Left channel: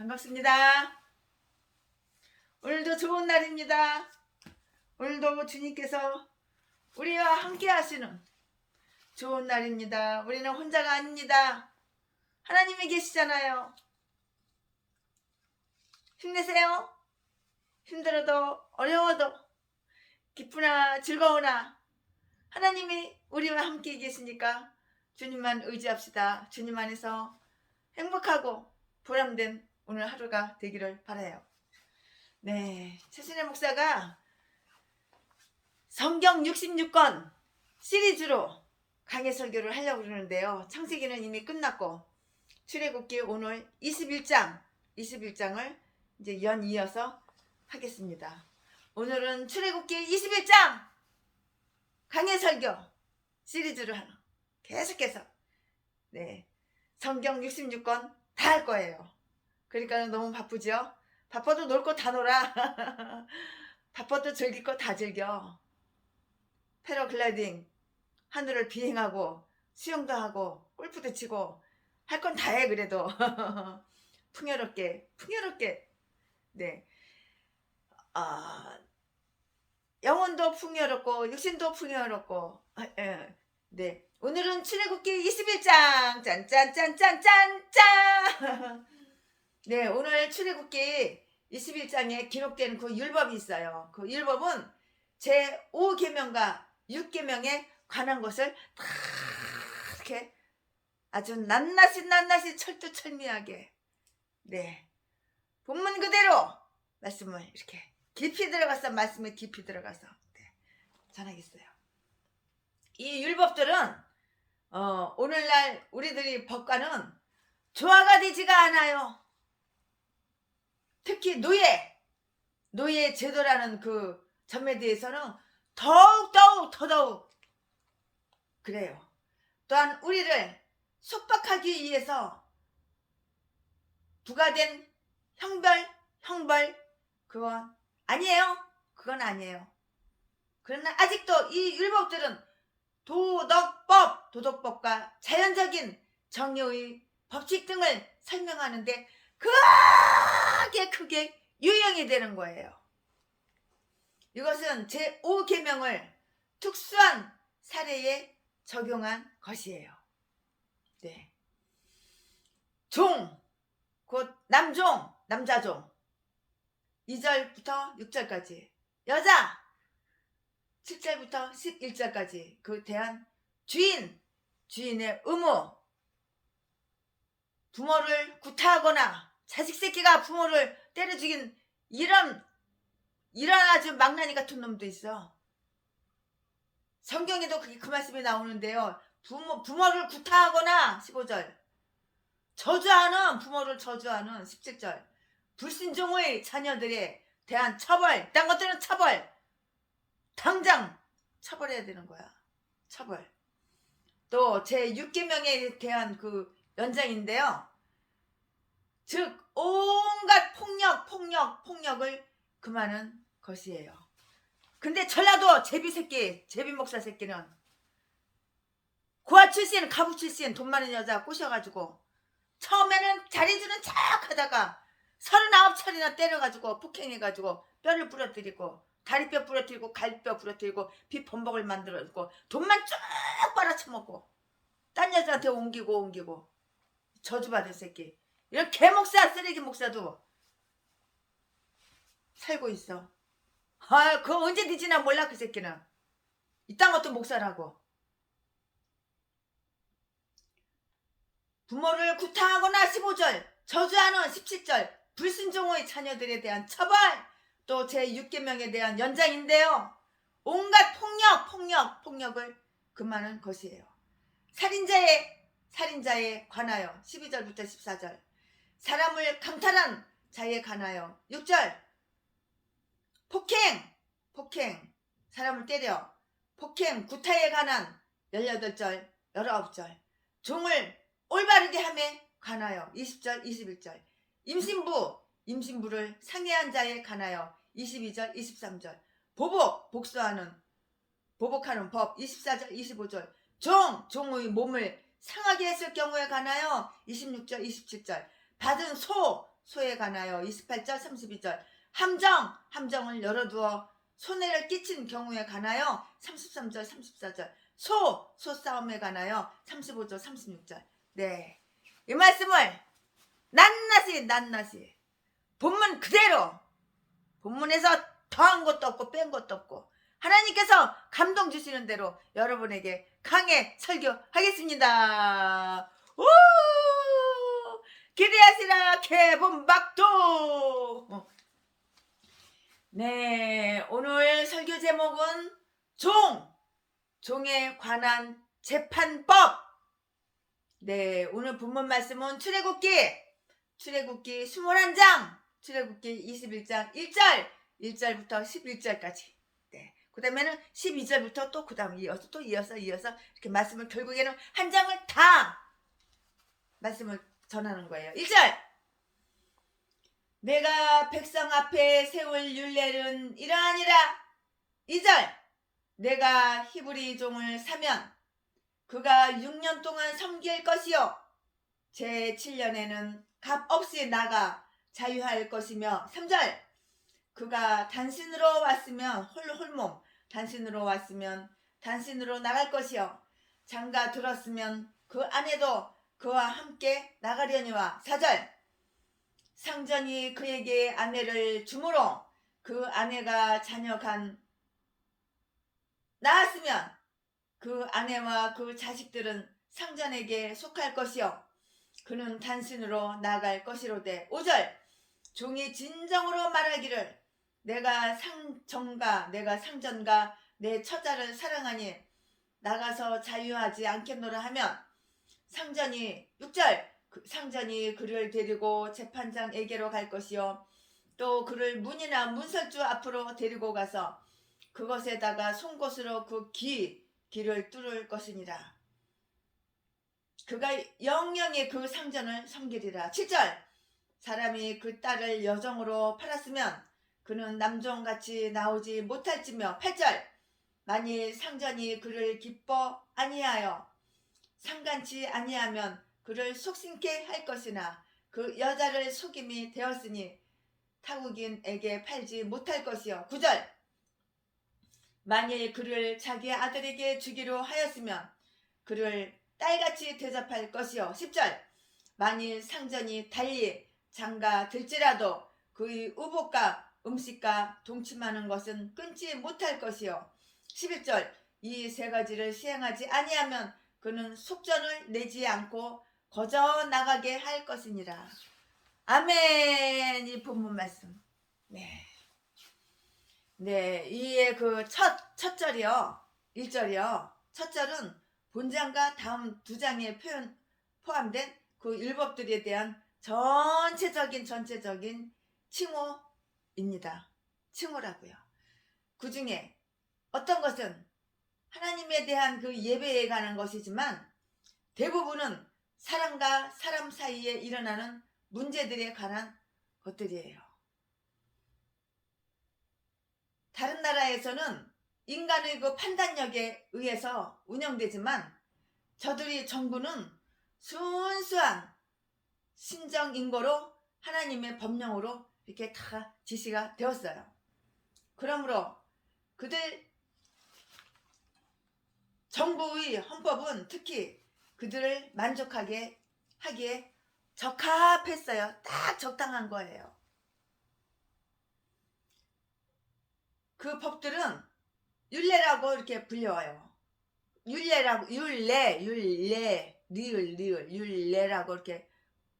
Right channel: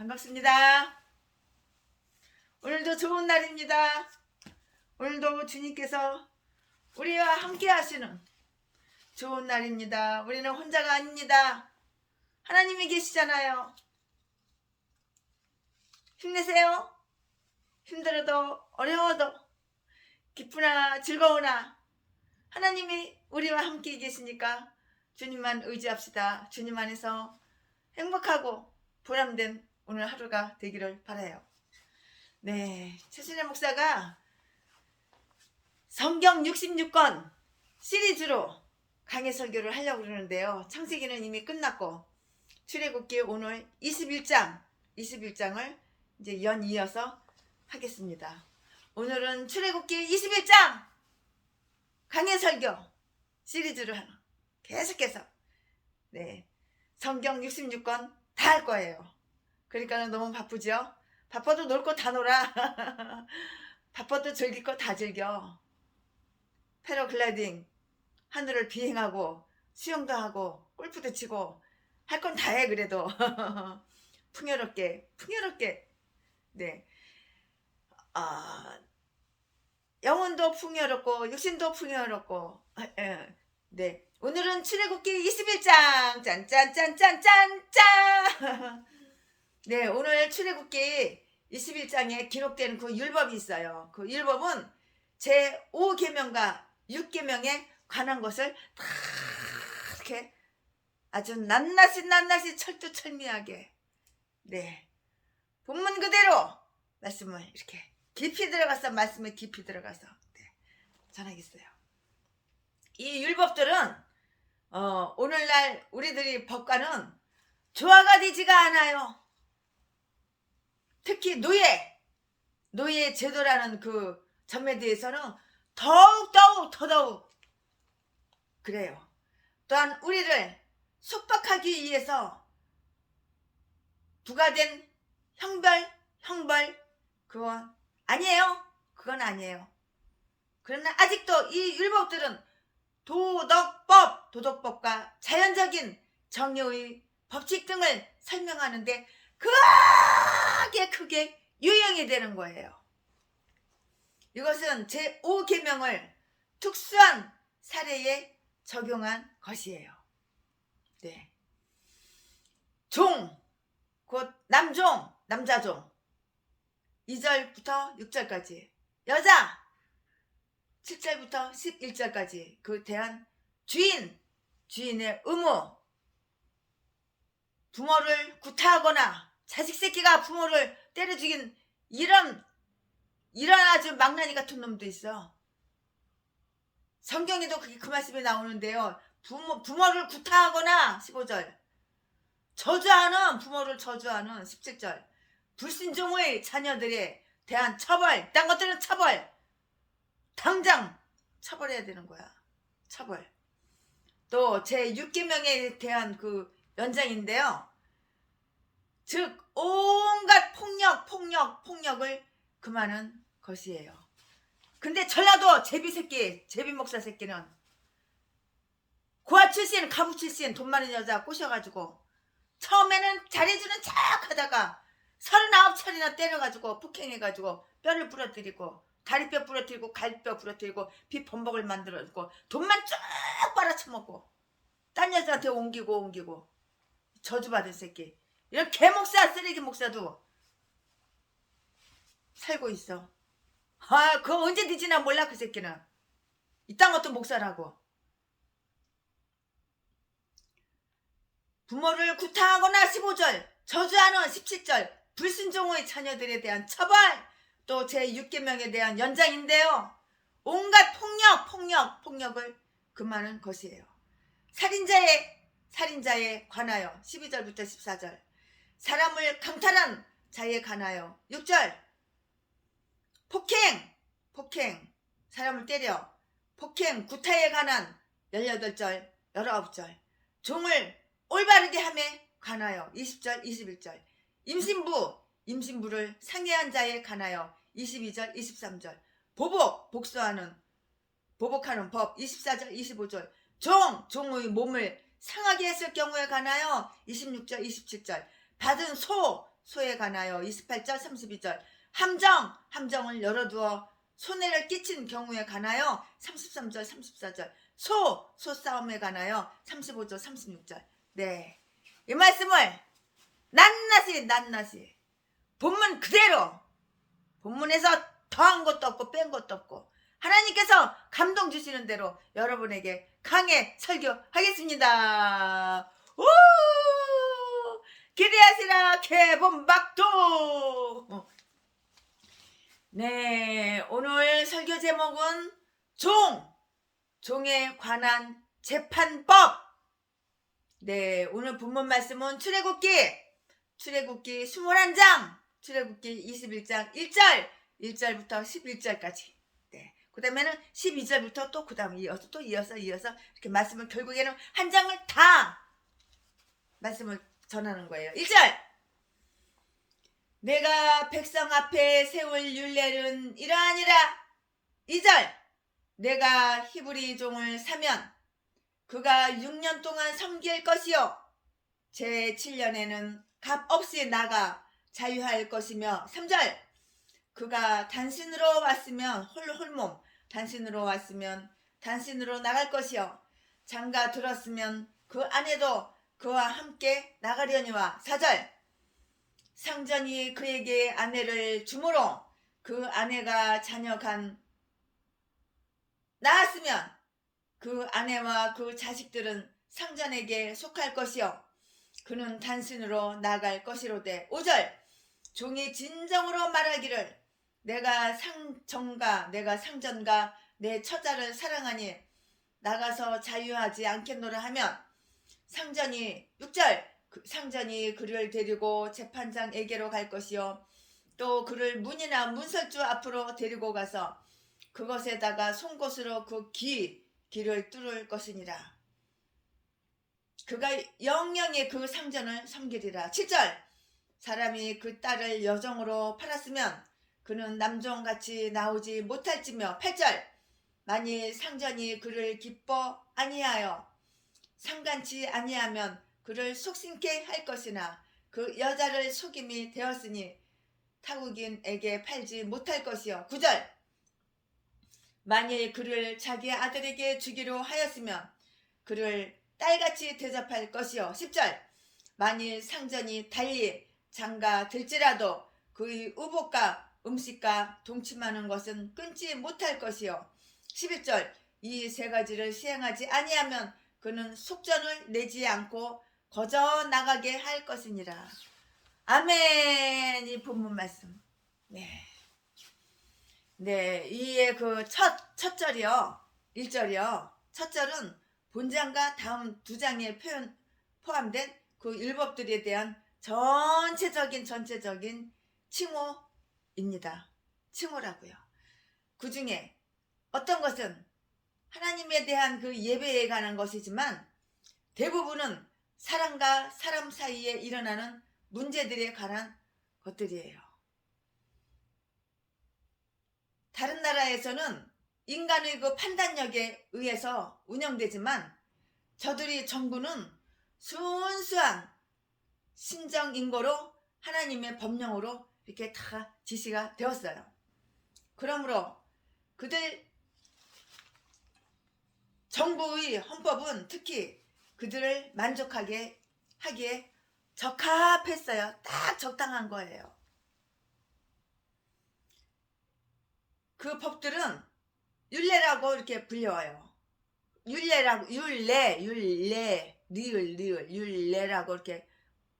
반갑습니다. 오늘도 좋은 날입니다. 오늘도 주님께서 우리와 함께 하시는 좋은 날입니다. 우리는 혼자가 아닙니다. 하나님이 계시잖아요. 힘내세요. 힘들어도 어려워도 기쁘나 즐거우나 하나님이 우리와 함께 계시니까 주님만 의지합시다. 주님 안에서 행복하고 보람된 오늘 하루가 되기를 바라요. 네, 최신의 목사가 성경 66권 시리즈로 강해 설교를 하려고 그러는데요. 창세기는 이미 끝났고 출애굽기 오늘 21장을 이제 연이어서 하겠습니다. 오늘은 출애굽기 21장 강해 설교 시리즈로 하나 계속해서 성경 66권 다 할 거예요. 그러니까 너무 바쁘죠? 바빠도 놀 거 다 놀아. 바빠도 즐길 거 다 즐겨. 패러글라이딩, 하늘을 비행하고 수영도 하고 골프도 치고 할 건 다 해. 그래도 풍요롭게 네. 영혼도 풍요롭고 육신도 풍요롭고 네. 오늘은 출애굽기 21장 짠짠짠짠짠짠. 네, 오늘 출애굽기 21장에 기록된 그 율법이 있어요. 그 율법은 제5계명과 6계명에 관한 것을 다 이렇게 아주 낱낱이 철두철미하게 본문 그대로 말씀을 이렇게 깊이 들어가서 말씀에 깊이 들어가서 전하겠어요. 이 율법들은 오늘날 우리들이 법과는 조화가 되지가 않아요. 특히 노예 제도라는 그 점에 대해서는 더더욱 그래요. 또한 우리를 속박하기 위해서 부과된 형벌 그건 아니에요. 그러나 아직도 이 율법들은 도덕법과 자연적인 정의의 법칙 등을 설명하는데 크게 유형이 되는 거예요. 이것은 제5계명을 특수한 사례에 적용한 것이에요. 네. 곧 남자종 2절부터 6절까지, 여자 7절부터 11절까지 그 대한 주인의 의무, 부모를 구타하거나 자식 새끼가 부모를 때려 죽인 이런 아주 망나니 같은 놈도 있어. 성경에도 그 말씀이 나오는데요. 부모를 구타하거나 15절, 부모를 저주하는 17절, 불신종의 자녀들에 대한 처벌, 딴 것들은 당장 처벌해야 되는 거야. 처벌. 또 제6계명에 대한 그 연장인데요. 즉 온갖 폭력을 금하는 것이에요. 근데 전라도 제비 목사 새끼는 고아 출신, 가부 출신 돈 많은 여자 꼬셔가지고 처음에는 잘해주는 척 하다가 39차례나 때려가지고 폭행해가지고 뼈를 부러뜨리고 다리뼈 부러뜨리고 갈비뼈 부러뜨리고 비범벅을 만들어주고 돈만 쭉 빨아쳐먹고 딴 여자한테 옮기고 저주받은 새끼. 이런 개목사 쓰레기 목사도 살고 있어. 그거 언제 뒤지나 몰라. 그 새끼는 이딴 것도 목사라고. 부모를 구타하거나 15절, 저주하는 17절, 불순종의 자녀들에 대한 처벌, 또 제6계명에 대한 연장인데요. 온갖 폭력을 금하는 것이에요. 살인자에 관하여 12절부터 14절, 사람을 강탈한 자에 관하여 6절, 폭행, 사람을 때려 폭행, 구타에 관한 18절, 19절, 종을 올바르게 함에 관하여 20절, 21절, 임신부를 상해한 자에 관하여 22절, 23절, 복수하는 보복하는 법 24절 25절 종의 몸을 상하게 했을 경우에 관하여 26절 27절 받은 소에 관하여 28절 32절 함정을 열어두어 손해를 끼친 경우에 관하여 33절 34절 소싸움에 관하여 35절 36절. 네, 이 말씀을 낱낱이 본문 그대로, 본문에서 더한 것도 없고 뺀 것도 없고 하나님께서 감동 주시는 대로 여러분에게 강해 설교하겠습니다. 오! 기대하시라 개본박도. 네, 오늘 설교 제목은 종에 관한 재판법. 네, 오늘 본문 말씀은 출애굽기 21장, 출애굽기 21장 1절부터 11절까지. 네, 그 다음에는 12절부터 또 그 다음 이어서 이렇게 말씀을 결국에는 한 장을 다 말씀을 전하는 거예요. 1절, 내가 백성 앞에 세울 율례는 이러하니라. 2절, 내가 히브리 종을 사면 그가 6년 동안 섬길 것이요 제7년에는 값없이 나가 자유할 것이며. 3절, 그가 단신으로 왔으면 홀몸 단신으로 왔으면 단신으로 나갈 것이요 장가 들었으면 그 아내도 그와 함께 나가려니와. 4절, 상전이 그에게 아내를 주므로 그 아내가 자녀간 낳았으면 그 아내와 그 자식들은 상전에게 속할 것이요 그는 단신으로 나갈 것이로되. 5절, 종이 진정으로 말하기를 내가 상전과 내 처자를 사랑하니 나가서 자유하지 않겠노라 하면. 6절, 상전이 그를 데리고 재판장에게로 갈 것이요 또 그를 문이나 문설주 앞으로 데리고 가서 그것에다가 송곳으로 그 길을 뚫을 것이니라. 그가 영영이 그 상전을 섬기리라. 7절, 사람이 그 딸을 여종으로 팔았으면 그는 남종같이 나오지 못할지며. 8절, 만일 상전이 그를 기뻐 아니하여 상간치 아니하면 그를 속심케 할 것이나 그 여자를 속임이 되었으니 타국인에게 팔지 못할 것이요. 9절, 만일 그를 자기 아들에게 주기로 하였으면 그를 딸같이 대접할 것이요. 10절, 만일 상전이 달리 장가 들지라도 그의 의복과 음식과 동침하는 것은 끊지 못할 것이요. 11절, 이 세 가지를 시행하지 아니하면 그는 속전을 내지 않고 거저 나가게 할 것이니라. 아멘. 이 본문 말씀. 네. 네, 이의 그 첫 절이요. 1절이요. 첫 절은 본장과 다음 두 장에 포함된 그 율법들에 대한 전체적인 칭호입니다. 칭호라고요. 그 중에 어떤 것은 하나님에 대한 그 예배에 관한 것이지만 대부분은 사람과 사람 사이에 일어나는 문제들에 관한 것들이에요. 다른 나라에서는 인간의 그 판단력에 의해서 운영되지만 저들이 정부는 순수한 신정인고로 하나님의 법령으로 이렇게 다 지시가 되었어요. 그러므로 그들 정부의 헌법은 특히 그들을 만족하게 하기에 적합했어요. 딱 적당한 거예요. 그 법들은 율례라고 이렇게 불려요. 율례라고, 율례라고 이렇게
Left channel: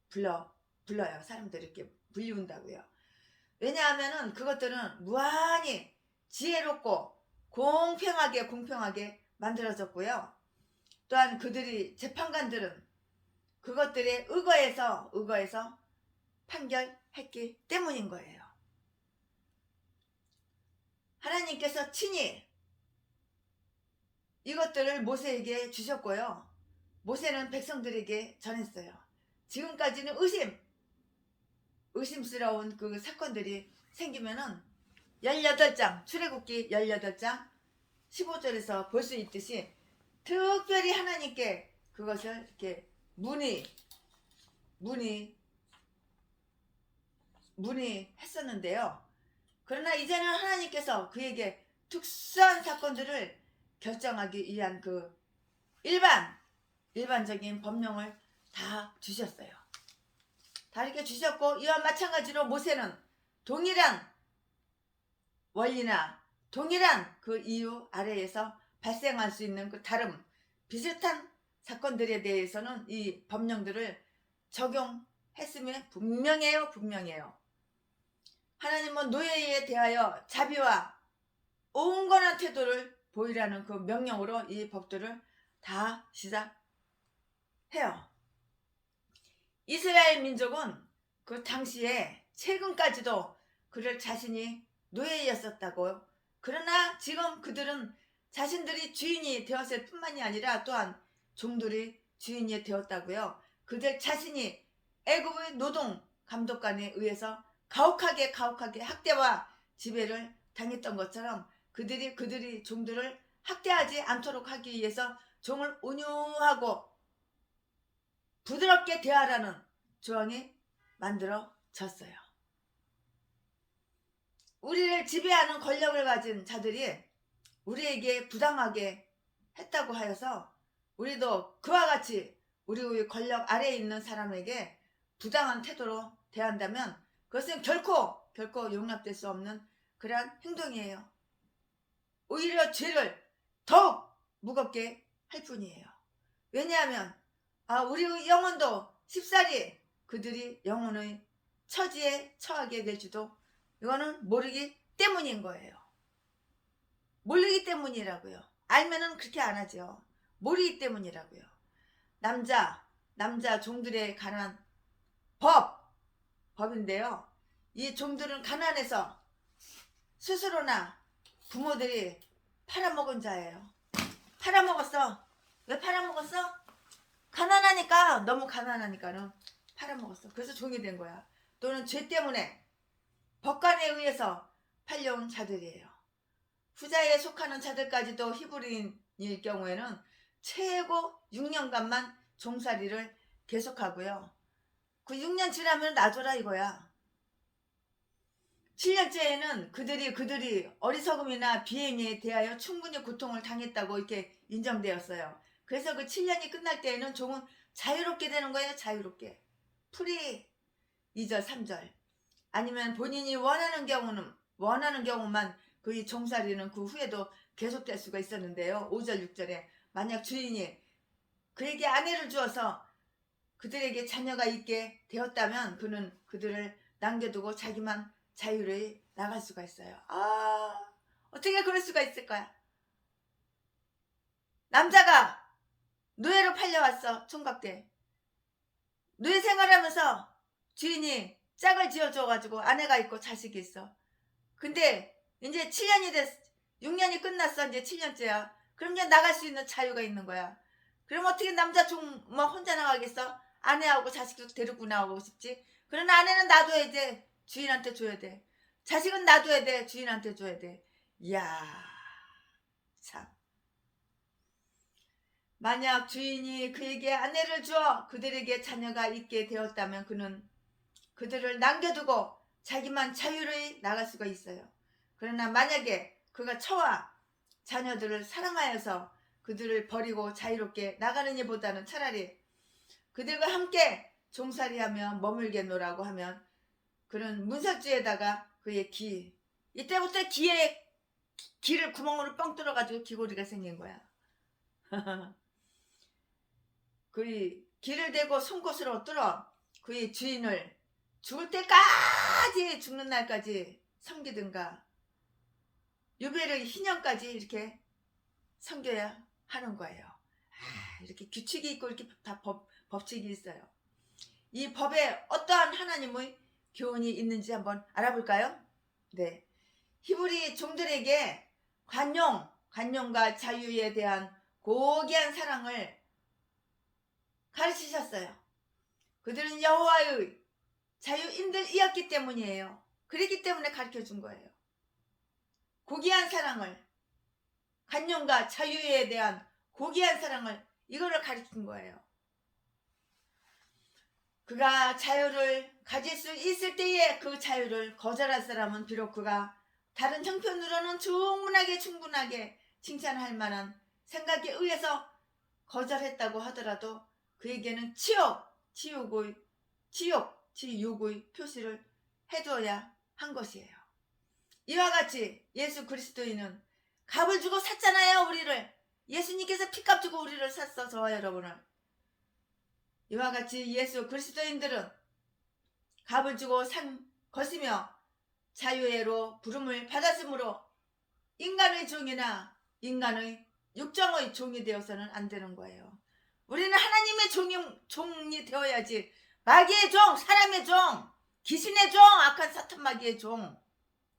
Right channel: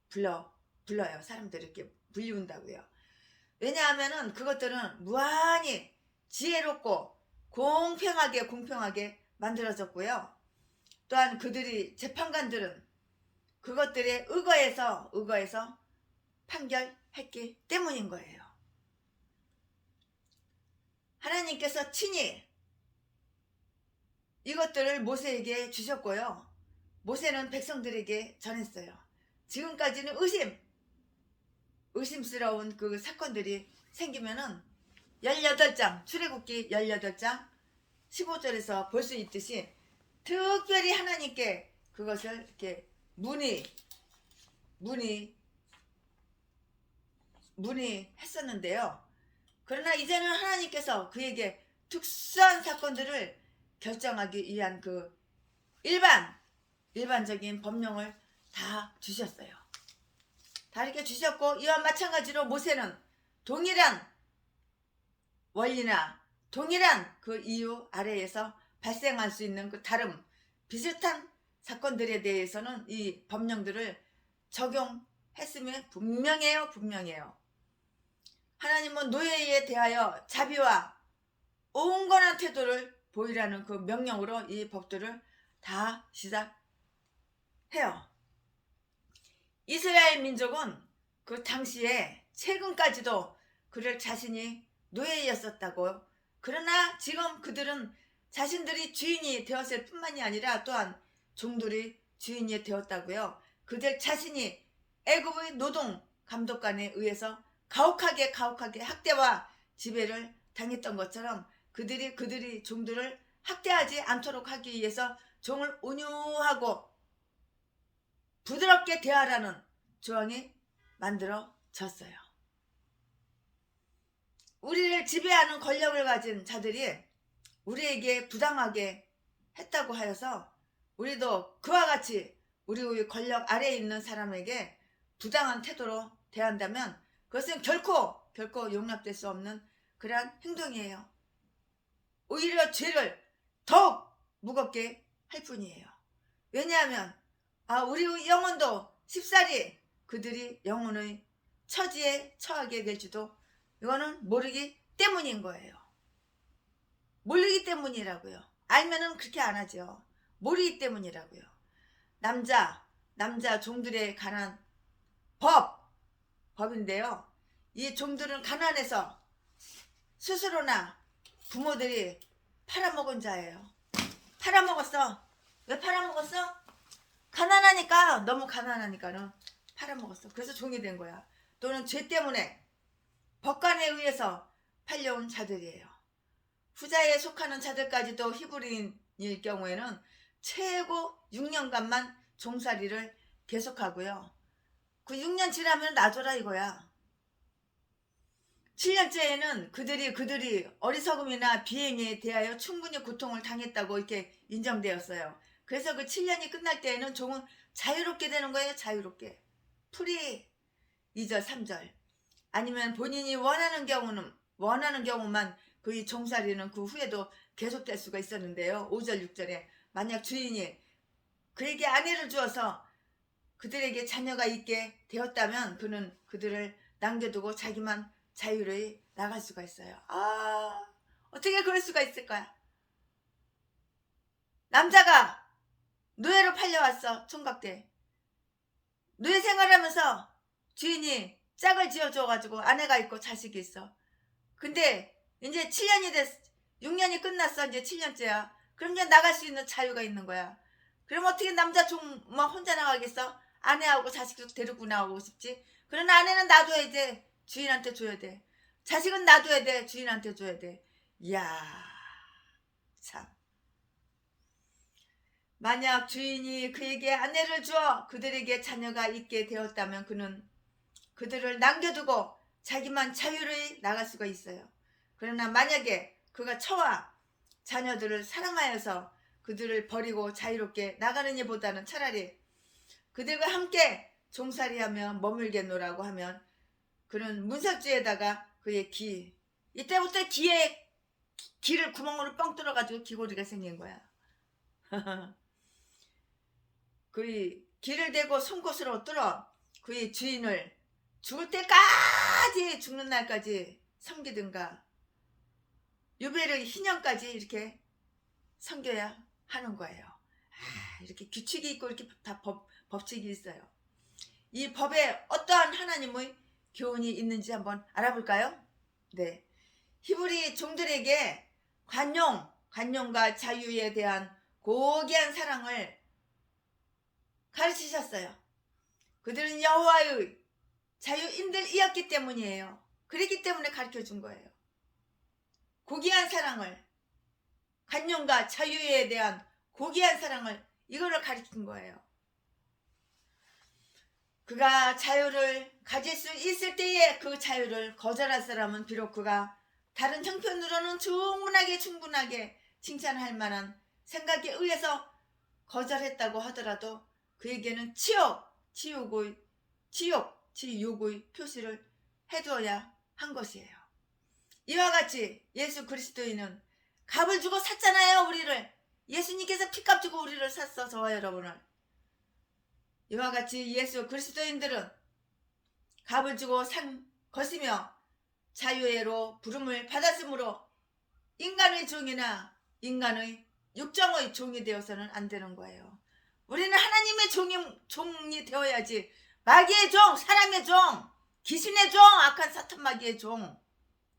불러요. 사람들이 이렇게 불리운다고요. 왜냐하면은 그것들은 무한히 지혜롭고 공평하게 만들어졌고요. 또한 그들이 재판관들은 그것들에 의거해서 판결했기 때문인 거예요. 하나님께서 친히 이것들을 모세에게 주셨고요. 모세는 백성들에게 전했어요. 지금까지는 의심스러운 그 사건들이 생기면은 18장, 출애굽기 18장 15절에서 볼 수 있듯이 특별히 하나님께 그것을 이렇게 문의 문의했었는데요. 그러나 이제는 하나님께서 그에게 특수한 사건들을 결정하기 위한 그 일반적인 법령을 다 주셨어요. 다 이렇게 주셨고, 이와 마찬가지로 모세는 동일한 원리나 동일한 그 이유 아래에서 발생할 수 있는 그 다른 비슷한 사건들에 대해서는 이 법령들을 적용했으면 분명해요. 하나님은 노예에 대하여 자비와 온건한 태도를 보이라는 그 명령으로 이 법들을 다 시작해요. 이스라엘 민족은 그 당시에 최근까지도 그들 자신이 노예였었다고. 그러나 지금 그들은 자신들이 주인이 되었을 뿐만이 아니라 또한 종들이 주인이 되었다고요. 그들 자신이 애굽의 노동 감독관에 의해서 가혹하게 학대와 지배를 당했던 것처럼 그들이 종들을 학대하지 않도록 하기 위해서 종을 온유하고 부드럽게 대하라는 조항이 만들어졌어요. 우리를 지배하는 권력을 가진 자들이 우리에게 부당하게 했다고 하여서 우리도 그와 같이 우리의 권력 아래에 있는 사람에게 부당한 태도로 대한다면 그것은 결코 용납될 수 없는 그러한 행동이에요. 오히려 죄를 더욱 무겁게 할 뿐이에요. 왜냐하면 우리의 영혼도 쉽사리 그들이 영혼의 처지에 처하게 될지도 이거는 모르기 때문인 거예요. 모르기 때문이라고요. 알면은 그렇게 안 하죠. 모르기 때문이라고요. 남자 종들에 관한 법인데요. 이 종들은 가난해서 스스로나 부모들이 팔아먹은 자예요. 팔아먹었어. 왜 팔아먹었어? 가난하니까, 너무 가난하니까는 팔아먹었어. 그래서 종이 된 거야. 또는 죄 때문에 법관에 의해서 팔려온 자들이에요. 후자에 속하는 자들까지도 히브리인일 경우에는 최고 6년간만 종살이를 계속하고요. 그 6년 지나면 놔줘라 이거야. 7년째에는 그들이 어리석음이나 비행에 대하여 충분히 고통을 당했다고 이렇게 인정되었어요. 그래서 그 7년이 끝날 때에는 종은 자유롭게 되는 거예요. 자유롭게. 풀이 2절 3절. 아니면 본인이 원하는 경우만 그 종살이는 그 후에도 계속될 수가 있었는데요. 5절 6절에 만약 주인이 그에게 아내를 주어서 그들에게 자녀가 있게 되었다면 그는 그들을 남겨두고 자기만 자유로이 나갈 수가 있어요. 어떻게 그럴 수가 있을까요? 남자가 노예로 팔려왔어. 총각대. 노예 생활하면서 주인이 짝을 지어줘가지고 아내가 있고 자식이 있어. 근데 이제 7년이 됐어. 6년이 끝났어. 이제 7년째야. 그럼 이제 나갈 수 있는 자유가 있는 거야. 그럼 어떻게 남자 종 혼자 나가겠어? 아내하고 자식도 데리고 나오고 싶지. 그러나 아내는 놔둬야 돼. 주인한테 줘야 돼. 자식은 놔둬야 돼. 주인한테 줘야 돼. 이야, 참. 만약 주인이 그에게 아내를 주어 그들에게 자녀가 있게 되었다면 그는 그들을 남겨두고 자기만 자유로이 나갈 수가 있어요. 그러나 만약에 그가 처와 자녀들을 사랑하여서 그들을 버리고 자유롭게 나가는 일보다는 차라리 그들과 함께 종살이하며 머물겠노라고 하면 그는 문석주에다가 그의 이때부터 귀를 구멍으로 뻥 뚫어가지고 귀고리가 생긴 거야. 그의 귀를 대고 송곳으로 뚫어 그의 주인을 죽을 때까지, 죽는 날까지 섬기든가 유배를 희년까지 이렇게 섬겨야 하는 거예요. 이렇게 규칙이 있고 이렇게 다 법칙이 있어요. 이 법에 어떠한 하나님의 교훈이 있는지 한번 알아볼까요? 네, 히브리 종들에게 관용과 자유에 대한 고귀한 사랑을 가르치셨어요. 그들은 여호와의 자유인들이었기 때문이에요. 그렇기 때문에 가르쳐준 거예요. 고귀한 사랑을, 관용과 자유에 대한 고귀한 사랑을, 이거를 가르친 거예요. 그가 자유를 가질 수 있을 때에 그 자유를 거절할 사람은 비록 그가 다른 형편으로는 충분하게 칭찬할 만한 생각에 의해서 거절했다고 하더라도 그에게는 지옥의 표시를 해줘야 한 것이에요. 이와 같이 예수 그리스도인은 값을 주고 샀잖아요. 우리를 예수님께서 피값 주고 우리를 샀어. 저와 여러분을. 이와 같이 예수 그리스도인들은 값을 주고 산 것이며 자유의로 부름을 받았으므로 인간의 종이나 인간의 육정의 종이 되어서는 안 되는 거예요. 우리는 하나님의 종이 되어야지. 마귀의 종, 사람의 종, 귀신의 종, 악한 사탄 마귀의 종,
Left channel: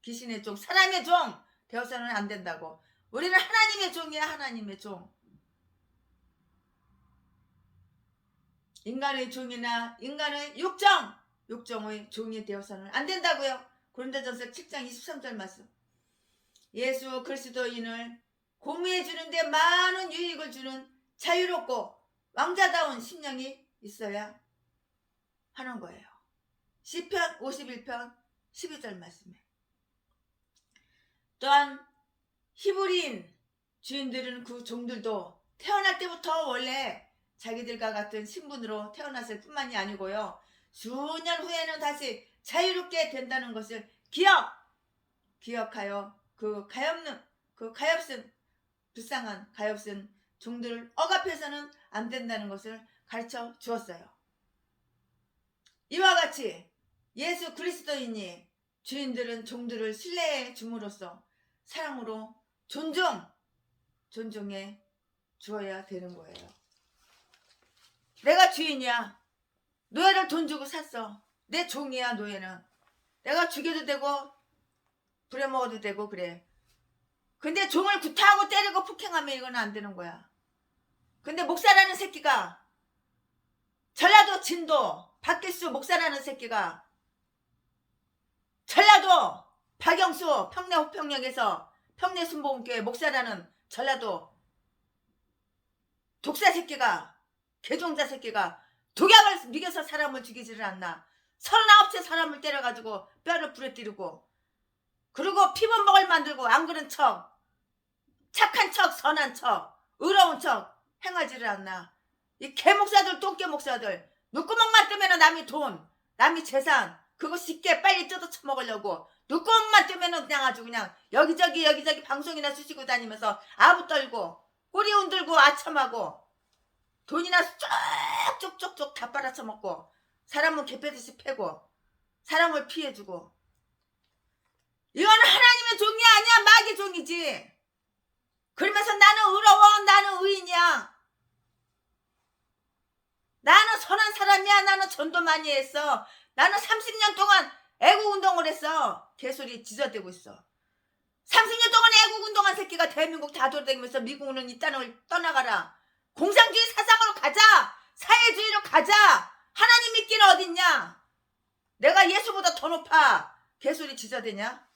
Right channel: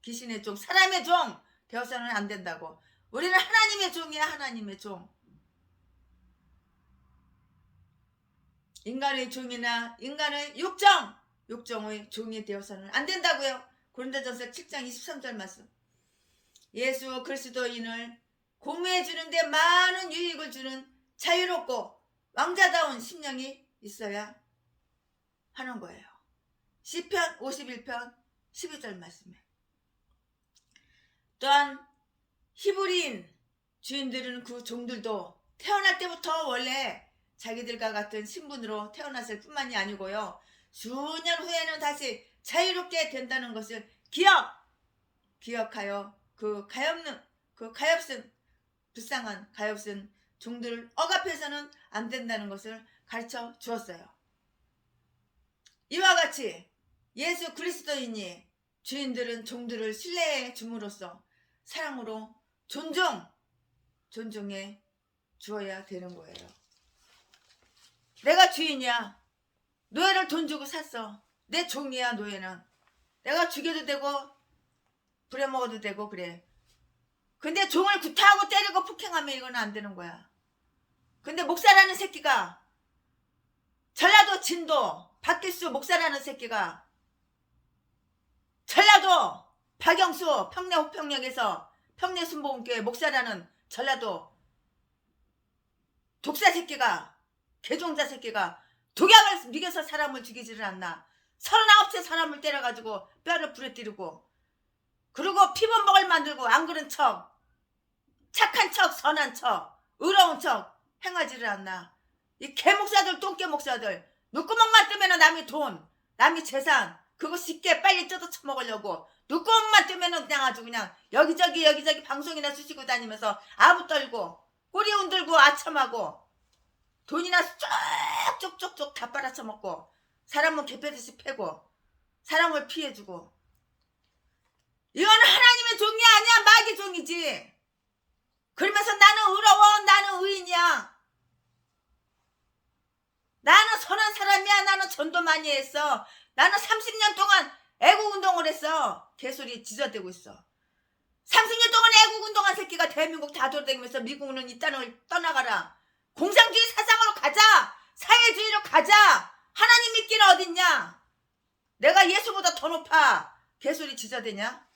귀신의 종, 사람의 종 되어서는 안 된다고. 우리는 하나님의 종이야. 하나님의 종. 인간의 종이나 인간의 육정의 종이 되어서는 안 된다고요. 고린도전서 7장 23절 말씀. 예수 그리스도인을 공유해 주는데 많은 유익을 주는 자유롭고 왕자다운 심령이 있어야 하는 거예요. 시편 51편 12절 말씀에. 또한 히브리인 주인들은 그 종들도 태어날 때부터 원래 자기들과 같은 신분으로 태어났을 뿐만이 아니고요. 수년 후에는 다시 자유롭게 된다는 것을 기억하여 그 가엾은 불쌍한 가엾은 종들을 억압해서는 안 된다는 것을 가르쳐 주었어요. 이와 같이 예수 그리스도인이 주인들은 종들을 신뢰해 줌으로써 사랑으로 존중해 주어야 되는 거예요. 내가 주인이야. 노예를 돈 주고 샀어. 내 종이야. 노예는 내가 죽여도 되고 부려먹어도 되고 그래. 근데 종을 구타하고 때리고 폭행하면 이건 안 되는 거야. 근데 목사라는 새끼가, 전라도 진도 박길수 목사라는 새끼가, 전라도 박영수 평내 호평역에서 평내 순복음교회 목사라는 전라도 독사 새끼가, 개종자 새끼가 독약을 먹여서 사람을 죽이지를 않나. 39세 사람을 때려가지고 뼈를 부러뜨리고, 그리고 피범벅을 만들고 안 그런 척, 착한 척, 선한 척, 의로운 척 행하지를 않나. 이 개목사들, 똥개 목사들, 눈구멍만 뜨면 남의 돈, 남의 재산 그거 쉽게 빨리 뜯어 처먹으려고 눈구멍만 뜨면 그냥 아주 그냥 여기저기 방송이나 쑤시고 다니면서 아부 떨고 꼬리 흔들고 아첨하고 돈이나 쪽쪽쪽쪽 다 빨아쳐먹고 사람은 개패듯이 패고 사람을 피해주고. 이거는 하나님의 종이 아니야. 마귀 종이지. 그러면서 나는 의로워. 나는 의인이야. 나는 선한 사람이야. 나는 전도 많이 했어. 나는 30년 동안 애국운동을 했어. 개소리 지저대고 있어. 30년 동안 애국운동한 새끼가 대한민국 다 돌아다니면서 미국은 이 땅을 떠나가라. 공산주의 사상으로 가자. 사회주의로 가자. 하나님 믿기는 어딨냐. 내가 예수보다 더 높아. 개소리 지저대냐.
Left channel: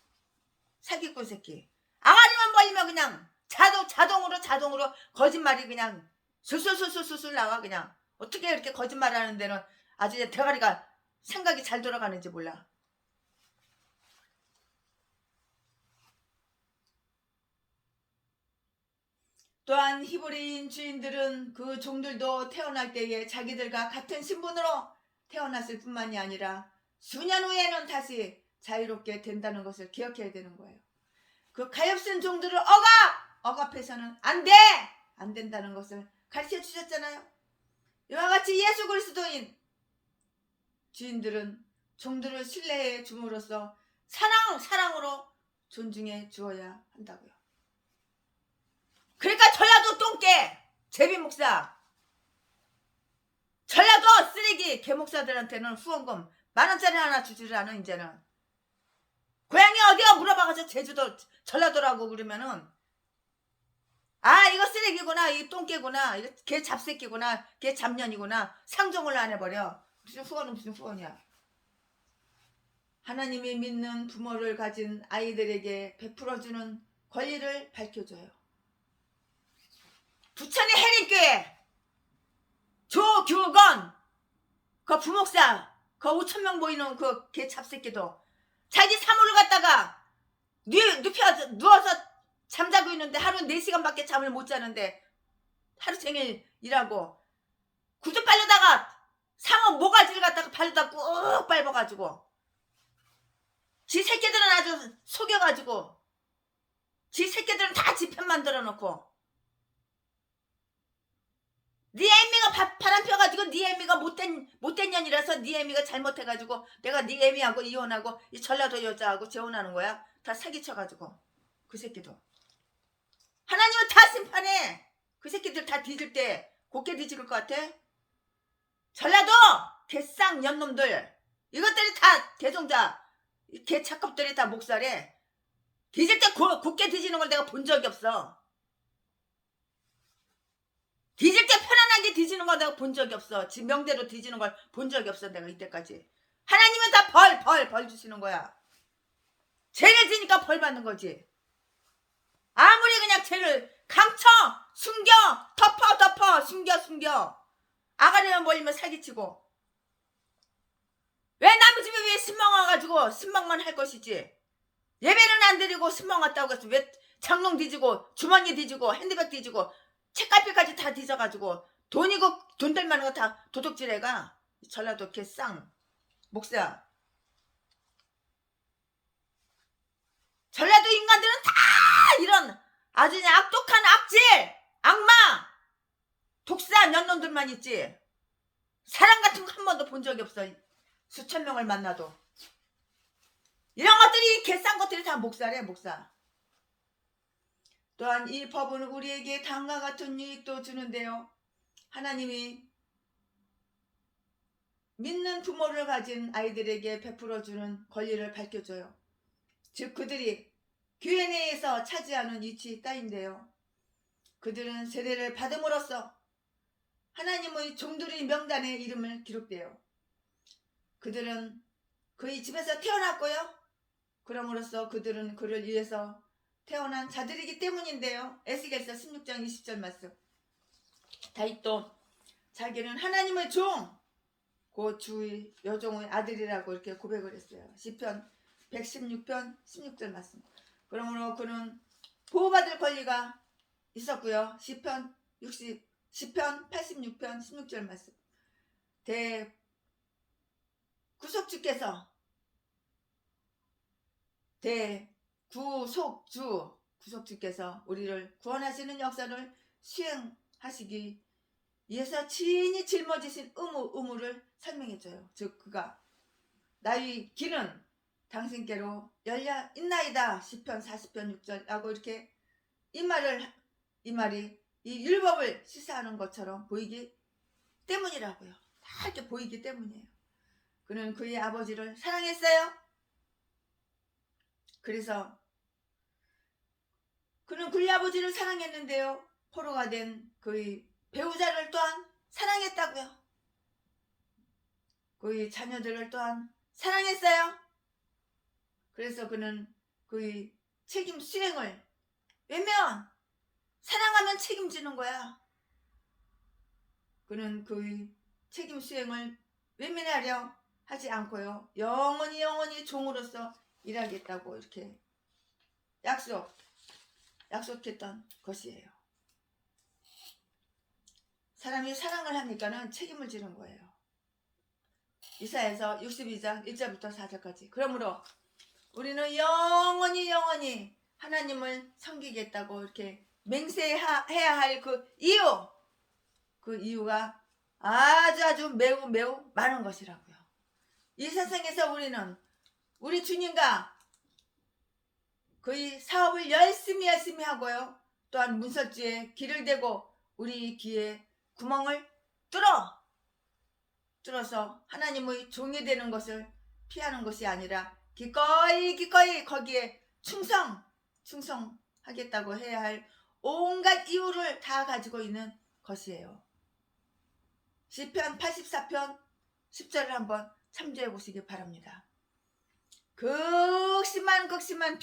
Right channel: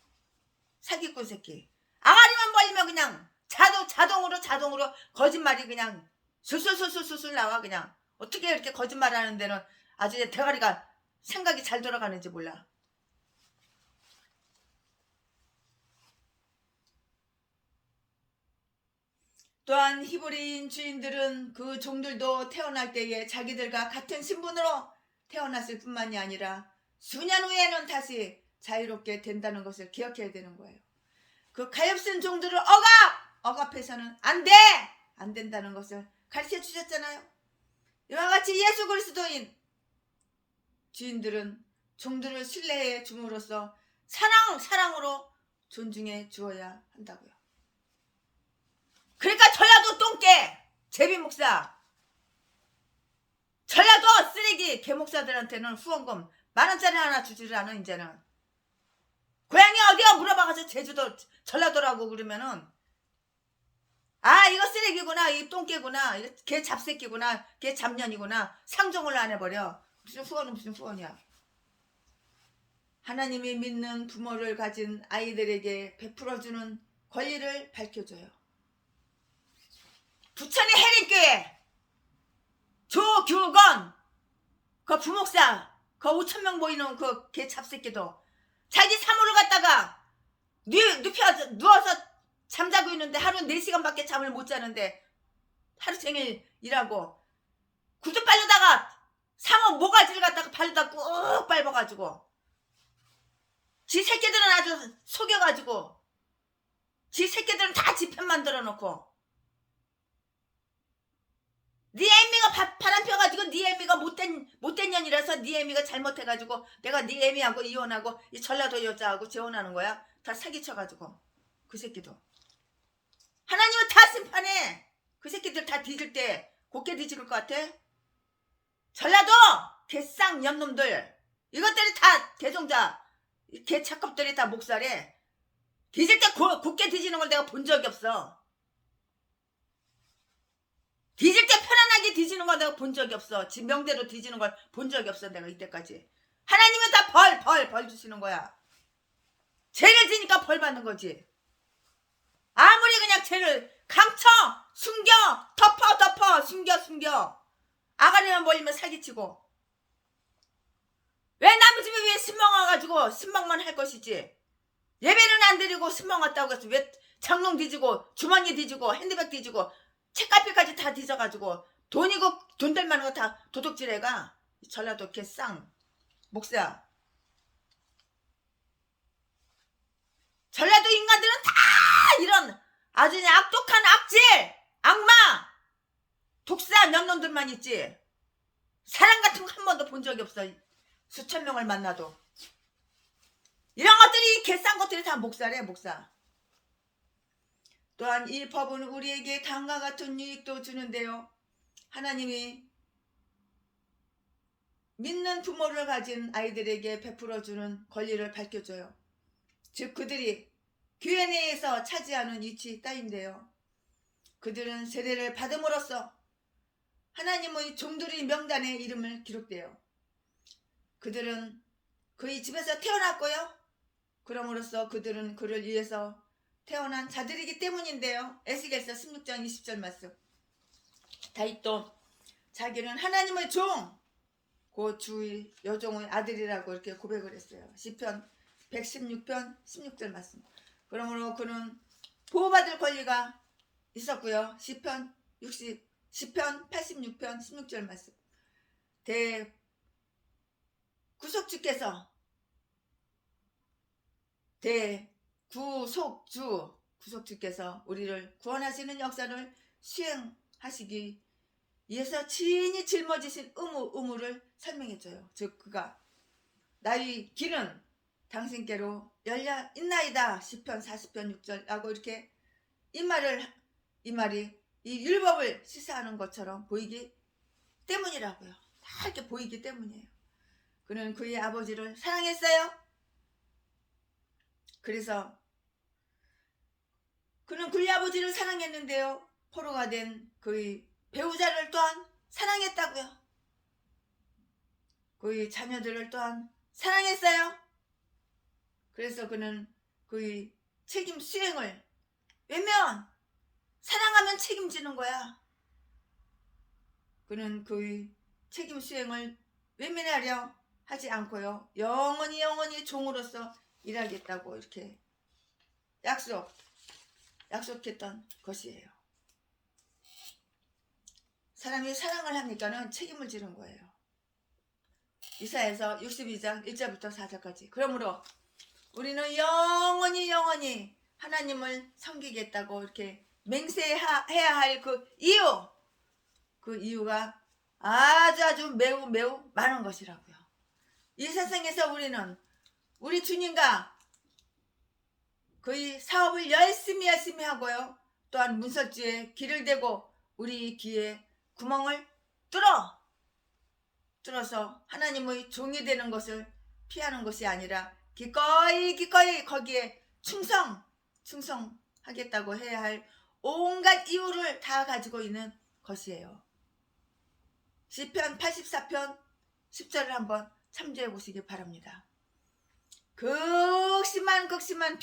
사기꾼 새끼. 앙아리만 벌리면 그냥 자동으로 거짓말이 그냥 술술술술술 나와. 그냥 어떻게 이렇게 거짓말하는 데는 아주 대가리가 생각이 잘 돌아가는지 몰라. 또한 히브리인 주인들은 그 종들도 태어날 때에 자기들과 같은 신분으로 태어났을 뿐만이 아니라 수년 후에는 다시 자유롭게 된다는 것을 기억해야 되는 거예요. 그 가엾은 종들을 억압해서는 안 된다는 것을 가르쳐 주셨잖아요. 이와 같이 예수 그리스도인 주인들은 종들을 신뢰해 줌으로써 사랑으로 존중해 주어야 한다고요. 그러니까 전라도 똥개 제비 목사, 전라도 쓰레기 개목사들한테는 후원금 10,000원짜리 하나 주지를 않아. 이제는 고향이 어디야 물어봐가지고 제주도 전라도라고 그러면은 이거 쓰레기구나, 이 똥개구나, 걔 잡새끼구나, 걔 잡년이구나, 상종을 안 해버려. 무슨 후원이야. 하나님이 믿는 부모를 가진 아이들에게 베풀어주는 권리를 밝혀줘요. 부천의 해림교회 조규건 그 부목사, 그 5천 명 모이는 그 개 잡새끼도 자기 사무를 갖다가 누워서 잠자고 있는데 하루 4시간밖에 잠을 못 자는데 하루 종일 일하고 구두 빨려다가 상어 모가지를 갖다가 발로다 꾹 밟아가지고 지 새끼들은 아주 속여가지고 지 새끼들은 다 지 편 만들어 놓고 네 애미가 바람 펴가지고 네 애미가 못된 년이라서 네 애미가 잘못해가지고 내가 네 애미하고 이혼하고 이 전라도 여자하고 재혼하는 거야. 다 사기쳐가지고 그 새끼도 하나님은 다 심판해. 그 새끼들 다 뒤질 때 곱게 뒤질 것 같아? 전라도 개쌍 년놈들 이것들이 다 개종자 개 착급들이 다 목살해. 뒤질 때 곱게 뒤지는 걸 내가 본 적이 없어. 뒤질 때 편안하게 뒤지는 걸 내가 본 적이 없어. 지 명대로 뒤지는 걸 본 적이 없어. 내가 이때까지. 하나님은 다 벌 주시는 거야. 죄를 지니까 벌 받는 거지. 아무리 그냥 죄를 감춰 숨겨 덮어 숨겨 아가리만 몰리면 사기치고 왜 남의 집에 왜 신방 와가지고 신방만 할 것이지. 예배는 안 드리고 신방 왔다고 해서 왜 장롱 뒤지고 주머니 뒤지고 핸드백 뒤지고 책갈피까지 다 뒤져가지고 돈이고 돈 될 만한 거 다 도둑질해가. 전라도 개쌍 목사. 전라도 인간들은 다 이런 아주 그냥 악독한 악질 악마 독사 년놈들만 있지. 사람 같은 거 한 번도 본 적이 없어. 수천 명을 만나도 이런 것들이 개싼 것들이 다 목사래 목사. 또한 이 법은 우리에게 다음과 같은 유익도 주는데요. 하나님이 믿는 부모를 가진 아이들에게 베풀어주는 권리를 밝혀줘요. 즉 그들이 교회 내에서 차지하는 위치 따윈데요. 그들은 세례를 받음으로써 하나님의 종들의 명단에 이름을 기록돼요. 그들은 그의 집에서 태어났고요. 그럼으로써 그들은 그를 위해서 태어난 자들이기 때문인데요. 에스겔서 16장 20절 말씀. 다윗도 자기는 하나님의 종, 그 주의 여종의 아들이라고 이렇게 고백을 했어요. 시편 116편 16절 말씀. 그러므로 그는 보호받을 권리가 있었고요. 시편 86편 16절 말씀. 구속주께서 우리를 구원하시는 역사를 수행하시기 위해서 친히 짊어지신 의무를 설명해줘요. 즉 그가 나의 길은 당신께로 열려 있나이다. 시편 40편 6절 하고 이렇게 이 말이 이 율법을 시사하는 것처럼 보이기 때문이라고요. 다 이렇게 보이기 때문이에요. 그는 그의 아버지를 사랑했어요. 그래서 그는 그의 아버지를 사랑했는데요. 포로가 된 그의 배우자를 또한 사랑했다고요. 그의 자녀들을 또한 사랑했어요. 그래서 그는 그의 책임 수행을 왜냐면 사랑하면 책임지는 거야. 그는 그의 책임 수행을 외면하려 하지 않고요. 영원히 종으로서 일하겠다고 이렇게 약속했던 것이에요. 사람이 사랑을 하니까는 책임을 지는 거예요. 이사야서 62장 1절부터 4절까지. 그러므로 우리는 영원히 하나님을 섬기겠다고 이렇게 맹세해야 할 그 이유가 아주 매우 많은 것이라고요. 이 세상에서 우리는 우리 주님과 그의 사업을 열심히 하고요. 또한 문설주에 길을 대고 우리 귀에 구멍을 뚫어서 하나님의 종이 되는 것을 피하는 것이 아니라 기꺼이 거기에 충성하겠다고 해야 할 온갖 이유를 다 가지고 있는 것이에요. 시편 84편 10절을 한번 참조해 보시기 바랍니다. 극심한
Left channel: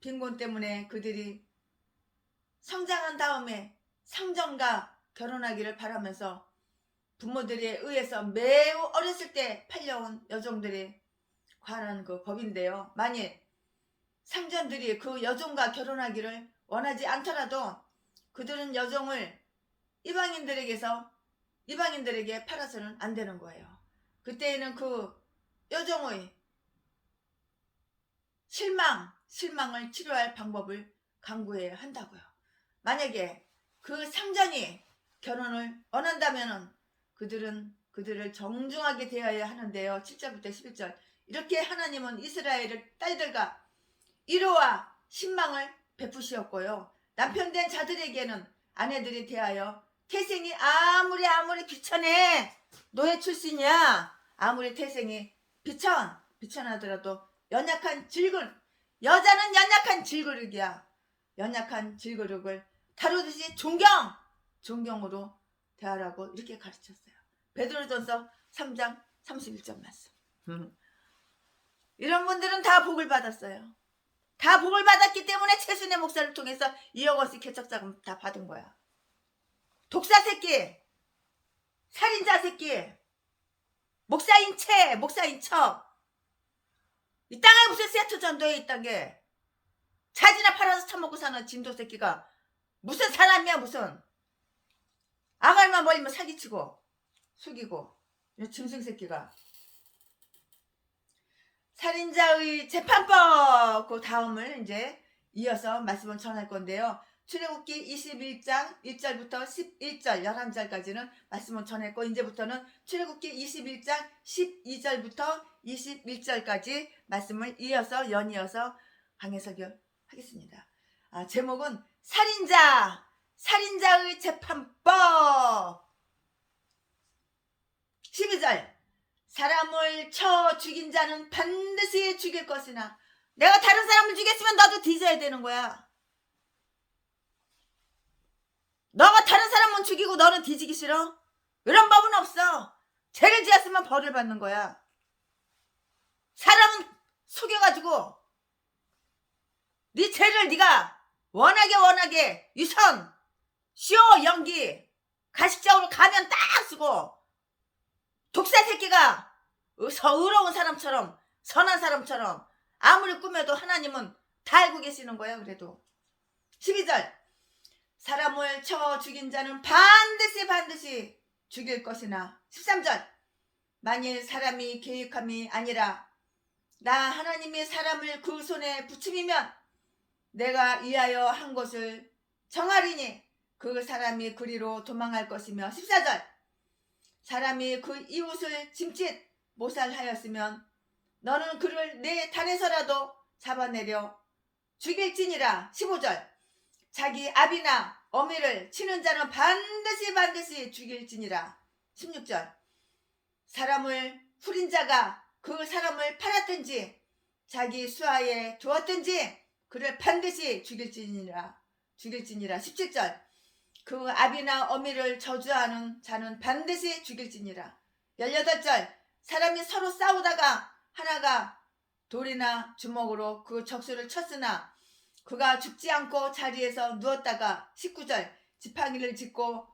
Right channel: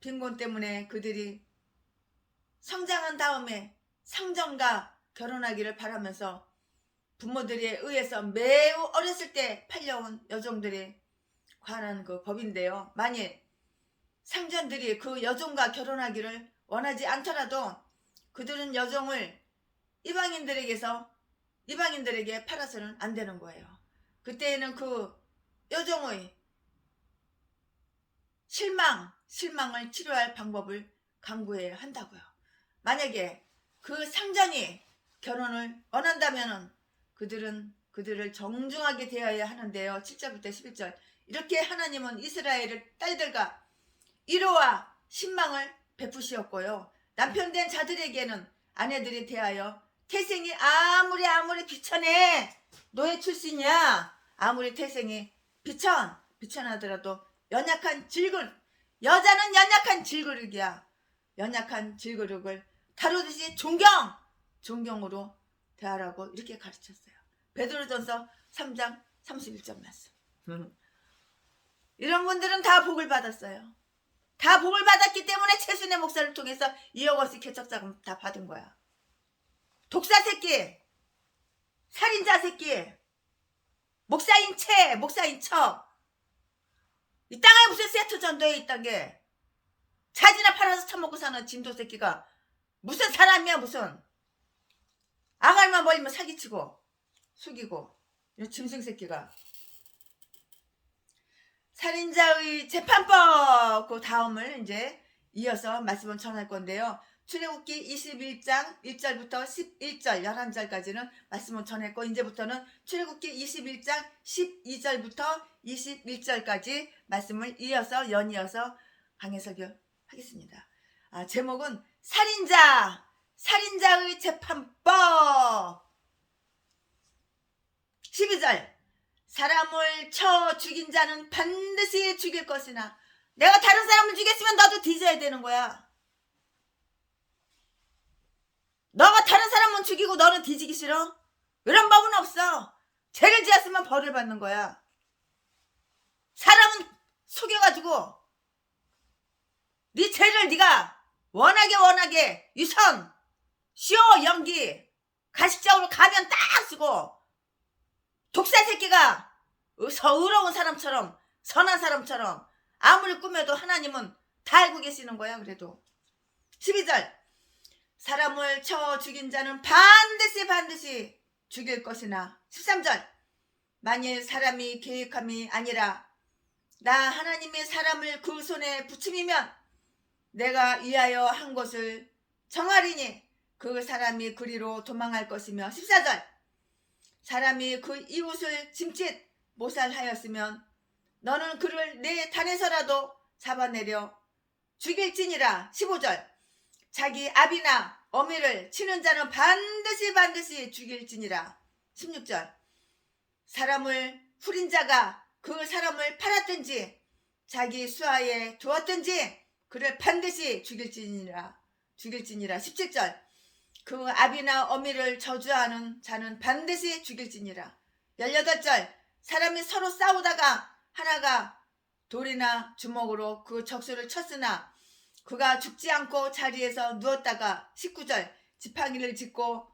빈곤 때문에 그들이 성장한 다음에 상정과 결혼하기를 바라면서 부모들에 의해서 매우 어렸을 때 팔려온 여종들에 관한 그 법인데요. 만일 상전들이 그 여종과 결혼하기를 원하지 않더라도 그들은 여종을 이방인들에게 팔아서는 안 되는 거예요. 그때에는 그 여종의 실망을 치료할 방법을 강구해야 한다고요. 만약에 그 상전이 결혼을 원한다면은 그들을 정중하게 대해야 하는데요. 7절부터 11절. 이렇게 하나님은 이스라엘의 딸들과 위로와 신망을 베푸시었고요. 남편된 자들에게는 아내들이 대하여 태생이 아무리 비천해 노예 출신이야. 아무리 태생이 비천하더라도 여자는 연약한 질그릇이야. 연약한 질그릇을 다루듯이 존경으로 대하라고 이렇게 가르쳤어요. 베드로전서 3장 31절 말씀. 이런 분들은 다 복을 받았어요. 다 복을 받았기 때문에 최순애 목사를 통해서 2억 원씩 개척자금 다 받은 거야. 독사 새끼, 살인자 새끼, 목사인 척. 이 땅에 무슨 세트 전도에 있단 게 자지나 팔아서 타먹고 사는 진도 새끼가 무슨 사람이야. 무슨 아갈만 멀리면 사기치고 속이고 이 짐승 새끼가. 살인자의 재판법 그 다음을 이제 이어서 말씀을 전할 건데요. 출애굽기 21장 1절부터 11절 11절까지는 말씀을 전했고 이제부터는 출애굽기 21장 12절부터 21절까지 말씀을 연이어서 강해석을 하겠습니다. 제목은 살인자의 재판법. 12절. 사람을 쳐 죽인 자는 반드시 죽일 것이나. 내가 다른 사람을 죽였으면 너도 뒤져야 되는 거야. 너가 다른 사람은 죽이고 너는 뒤지기 싫어? 이런 법은 없어. 죄를 지었으면 벌을 받는 거야. 사람은 속여가지고 네 죄를 네가 워낙에 유선, 쇼, 연기, 가식적으로 가면 딱 쓰고 독사 새끼가 의로운 사람처럼 선한 사람처럼 아무리 꾸며도 하나님은 다 알고 계시는 거야. 그래도 12절. 사람을 쳐 죽인 자는 반드시 죽일 것이나. 13절. 만일 사람이 계획함이 아니라 나 하나님이 사람을 그 손에 붙임이면 내가 위하여 한 것을 정하리니 그 사람이 그리로 도망할 것이며. 14절. 사람이 그 이웃을 짐짓 모살하였으면 너는 그를 내 단에서라도 잡아내려 죽일지니라. 15절. 자기 아비나 어미를 치는 자는 반드시 죽일지니라. 16절. 사람을 후린 자가 그 사람을 팔았든지 자기 수하에 두었든지 그를 반드시 죽일지니라. 17절. 그 아비나 어미를 저주하는 자는 반드시 죽일지니라. 18절. 사람이 서로 싸우다가 하나가 돌이나 주먹으로 그 적수를 쳤으나 그가 죽지 않고 자리에서 누웠다가. 19절. 지팡이를 짚고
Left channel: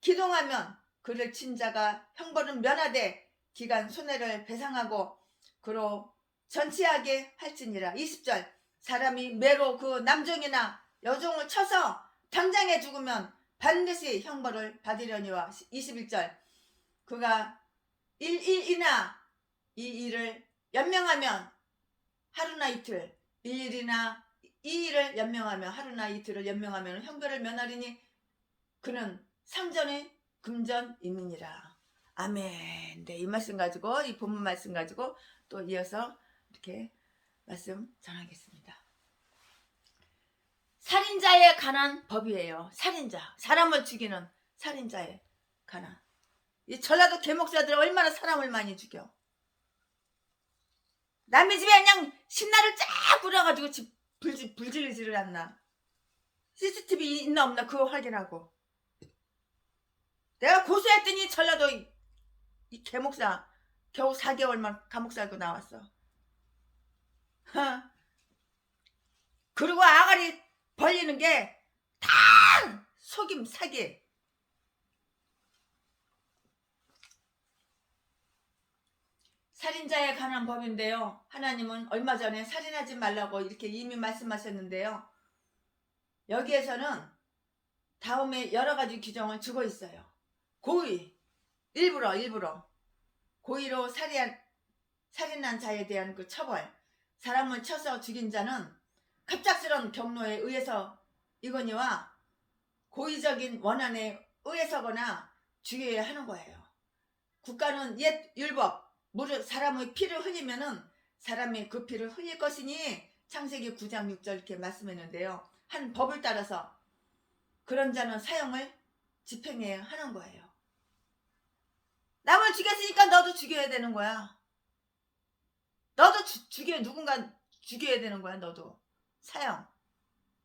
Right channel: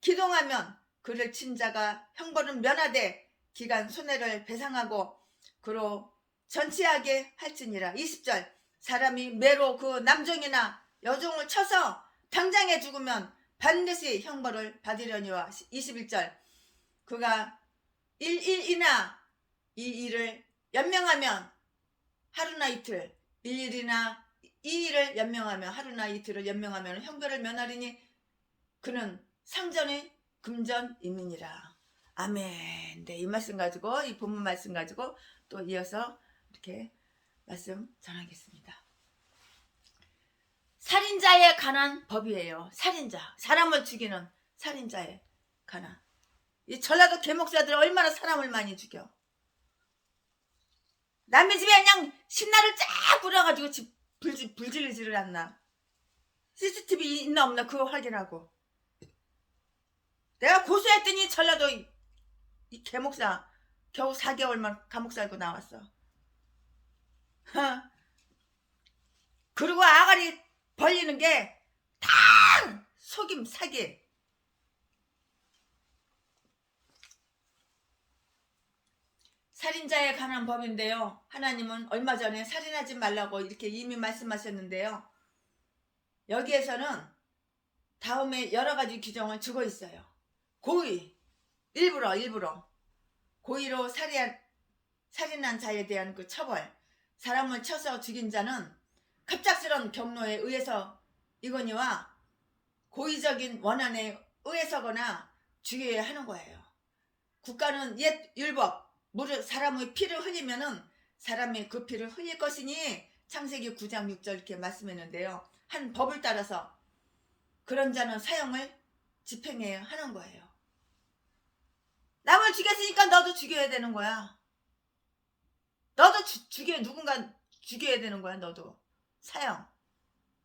기동하면 그를 친 자가 형벌은 면하되 기간 손해를 배상하고 그로 전치하게 할지니라. 20절. 사람이 매로 그 남종이나 여종을 쳐서 당장에 죽으면 반드시 형벌을 받으려니와. 21절. 그가 1일이나 이 일을 연명하면 하루나 이틀, 1일이나 이 일을 연명하면 하루나 이틀을 연명하면 형벌을 면하리니 그는 상전의 금전이니라. 아멘. 네, 이 말씀 가지고 이 본문 말씀 가지고 또 이어서 이렇게 말씀 전하겠습니다. 살인자에 관한 법이에요. 살인자, 사람을 죽이는 살인자에 관한. 이 전라도 개목사들 얼마나 사람을 많이 죽여. 남의 집에 그냥 신나를 쫙 부려가지고 집 불질지를 않나. CCTV 있나 없나 그거 확인하고. 내가 고소했더니 전라도 이 개목사 겨우 4개월만 감옥 살고 나왔어. 그리고 아가리 벌리는 게 다 속임 사기. 살인자에 관한 법인데요. 하나님은 얼마 전에 살인하지 말라고 이렇게 이미 말씀하셨는데요. 여기에서는 다음에 여러 가지 규정을 주고 있어요. 고의, 일부러 고의로 살인한 자에 대한 그 처벌, 사람을 쳐서 죽인 자는 갑작스런 경로에 의해서 이거니와 고의적인 원한에 의해서거나 죽여야 하는 거예요. 국가는 옛 율법, 사람의 피를 흘리면은 사람이 그 피를 흘릴 것이니 창세기 9장 6절 이렇게 말씀했는데요. 한 법을 따라서 그런 자는 사형을 집행해야 하는 거예요. 남을 죽였으니까 너도 죽여야 되는 거야. 너도 누군가 죽여야 되는 거야. 너도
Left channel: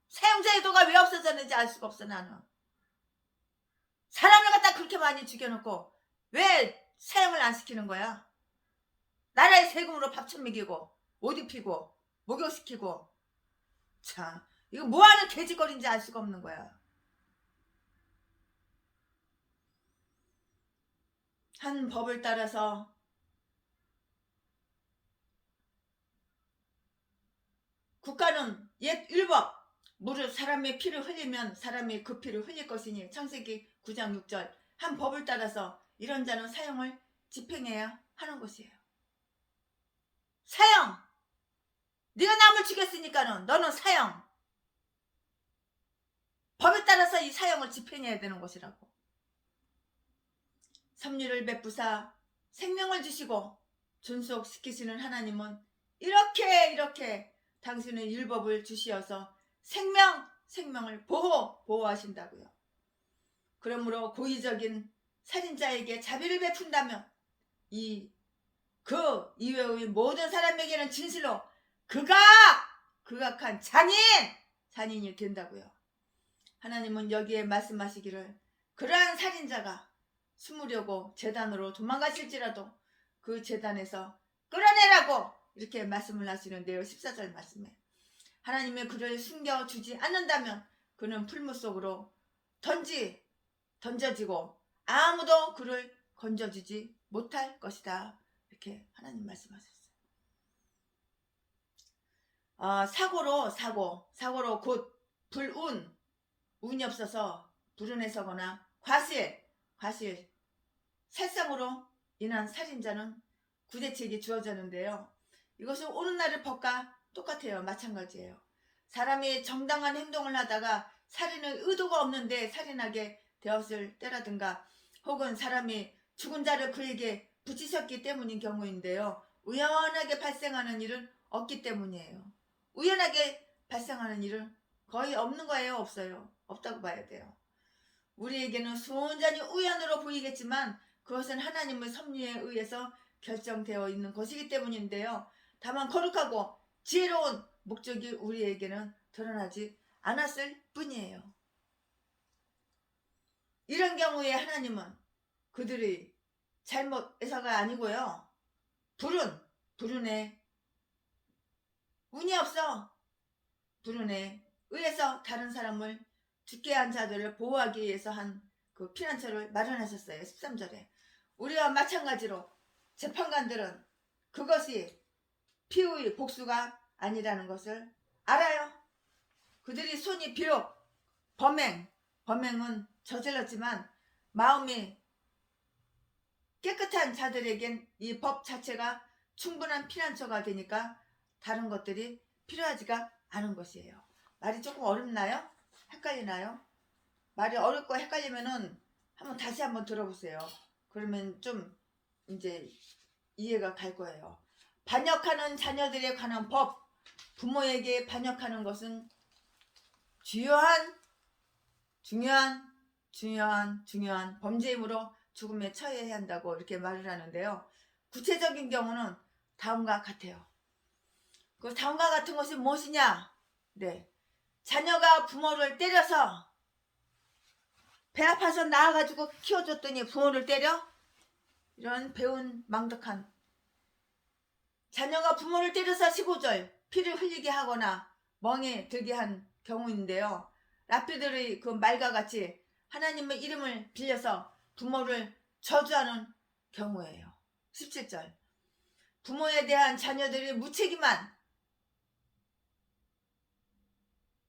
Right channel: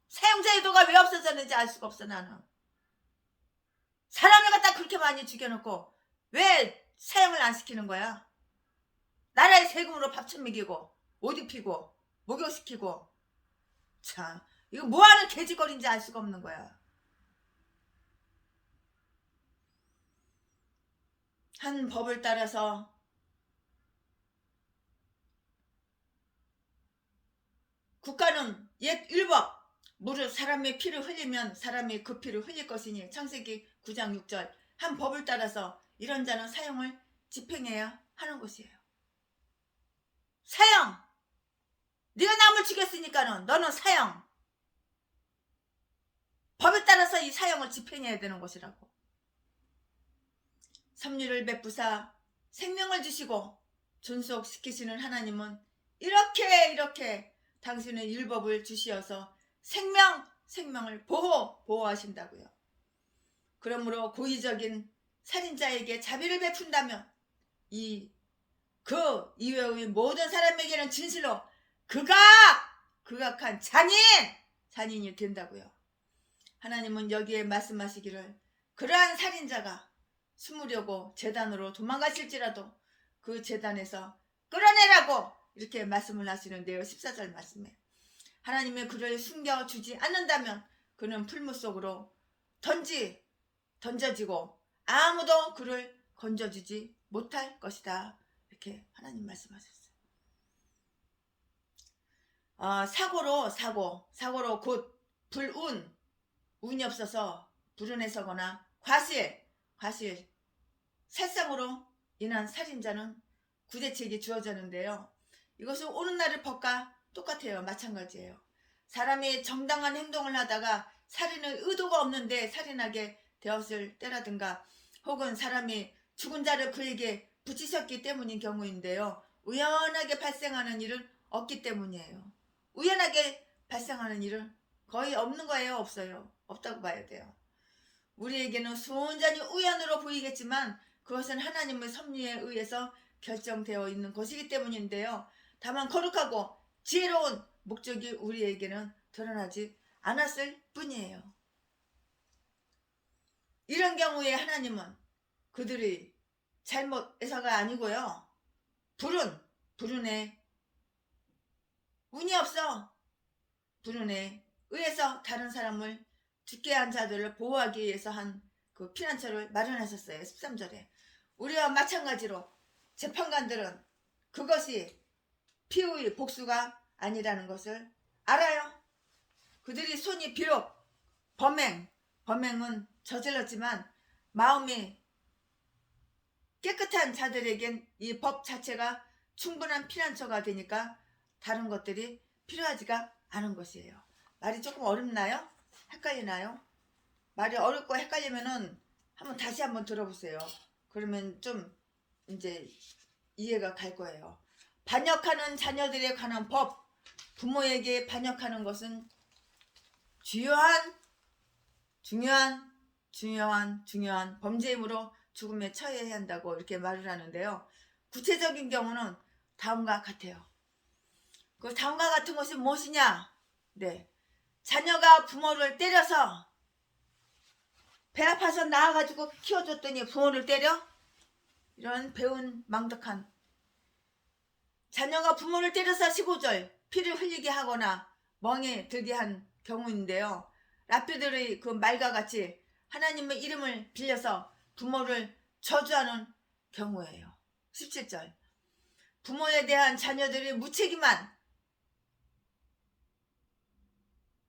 사형제도가 왜 없어졌는지 알 수가 없어. 나는 사람을 갖다 그렇게 많이 죽여놓고 왜 사형을 안 시키는 거야? 나라의 세금으로 밥천 먹이고 옷 입히고 목욕시키고, 참 이거 뭐하는 돼지거리인지 알 수가 없는 거야. 한 법을 따라서 국가는 옛 율법, 사람의 피를 흘리면 사람이 그 피를 흘릴 것이니 창세기 9장 6절 한 법을 따라서 이런 자는 사형을 집행해야 하는 것이에요. 사형! 네가 남을 죽였으니까는 너는 사형! 법에 따라서 이 사형을 집행해야 되는 것이라고. 섭리를 베푸사 생명을 주시고 존속시키시는 하나님은 이렇게 당신의 율법을 주시어서 생명을 보호하신다고요. 그러므로 고의적인 살인자에게 자비를 베푼다면 그 이외의 모든 사람에게는 진실로 극악한 잔인이 된다고요. 하나님은 여기에 말씀하시기를 그러한 살인자가 숨으려고 제단으로 도망가실지라도 그 제단에서 끌어내라고 이렇게 말씀을 하시는데요. 14절 말씀에 하나님의 그를 숨겨주지 않는다면 그는 풀무 속으로 던져지고 아무도 그를 건져주지 못할 것이다. 이렇게 하나님 말씀하셨어요. 사고로 곧 운이 없어서 불운에 서거나 과실, 살상으로 인한 살인자는 구제책이 주어졌는데요. 이것은 오늘날의 법과 똑같아요. 마찬가지예요. 사람이 정당한 행동을 하다가 살인의 의도가 없는데 살인하게 되었을 때라든가 혹은 사람이 죽은 자를 그에게 붙이셨기 때문인 경우인데요. 우연하게 발생하는 일은 없기 때문이에요. 우연하게 발생하는 일은 거의 없는 거예요. 없어요. 없다고 봐야 돼요. 우리에게는 순전히 우연으로 보이겠지만 그것은 하나님의 섭리에 의해서 결정되어 있는 것이기 때문인데요. 다만 거룩하고 지혜로운 목적이 우리에게는 드러나지 않았을 뿐이에요. 이런 경우에 하나님은 그들의 잘못에서가 아니고요. 불운에 운이 없어 불운에 의해서 다른 사람을 죽게 한 자들을 보호하기 위해서 한 그 피난처를 마련하셨어요. 13절에 우리와 마찬가지로 재판관들은 그것이 피의 복수가 아니라는 것을 알아요. 그들이 손이 비록 범행은 저질렀지만 마음이 깨끗한 자들에겐 이 법 자체가 충분한 피난처가 되니까 다른 것들이 필요하지가 않은 것이에요. 말이 조금 어렵나요? 헷갈리나요? 말이 어렵고 헷갈리면은 다시 한번 들어보세요. 그러면 좀 이제 이해가 갈 거예요. 반역하는 자녀들에 관한 법, 부모에게 반역하는 것은 중요한 범죄이므로 죽음에 처해야 한다고 이렇게 말을 하는데요. 구체적인 경우는 다음과 같아요. 그 다음과 같은 것이 무엇이냐? 네, 자녀가 부모를 때려서 배 아파서 낳아가지고 키워줬더니 부모를 때려? 이런 배운 망덕한 자녀가 부모를 때려서 15절 피를 흘리게 하거나 멍에 들게 한 경우인데요. 라피들의 그 말과 같이 하나님의 이름을 빌려서 부모를 저주하는 경우예요. 17절 부모에 대한 자녀들이 무책임한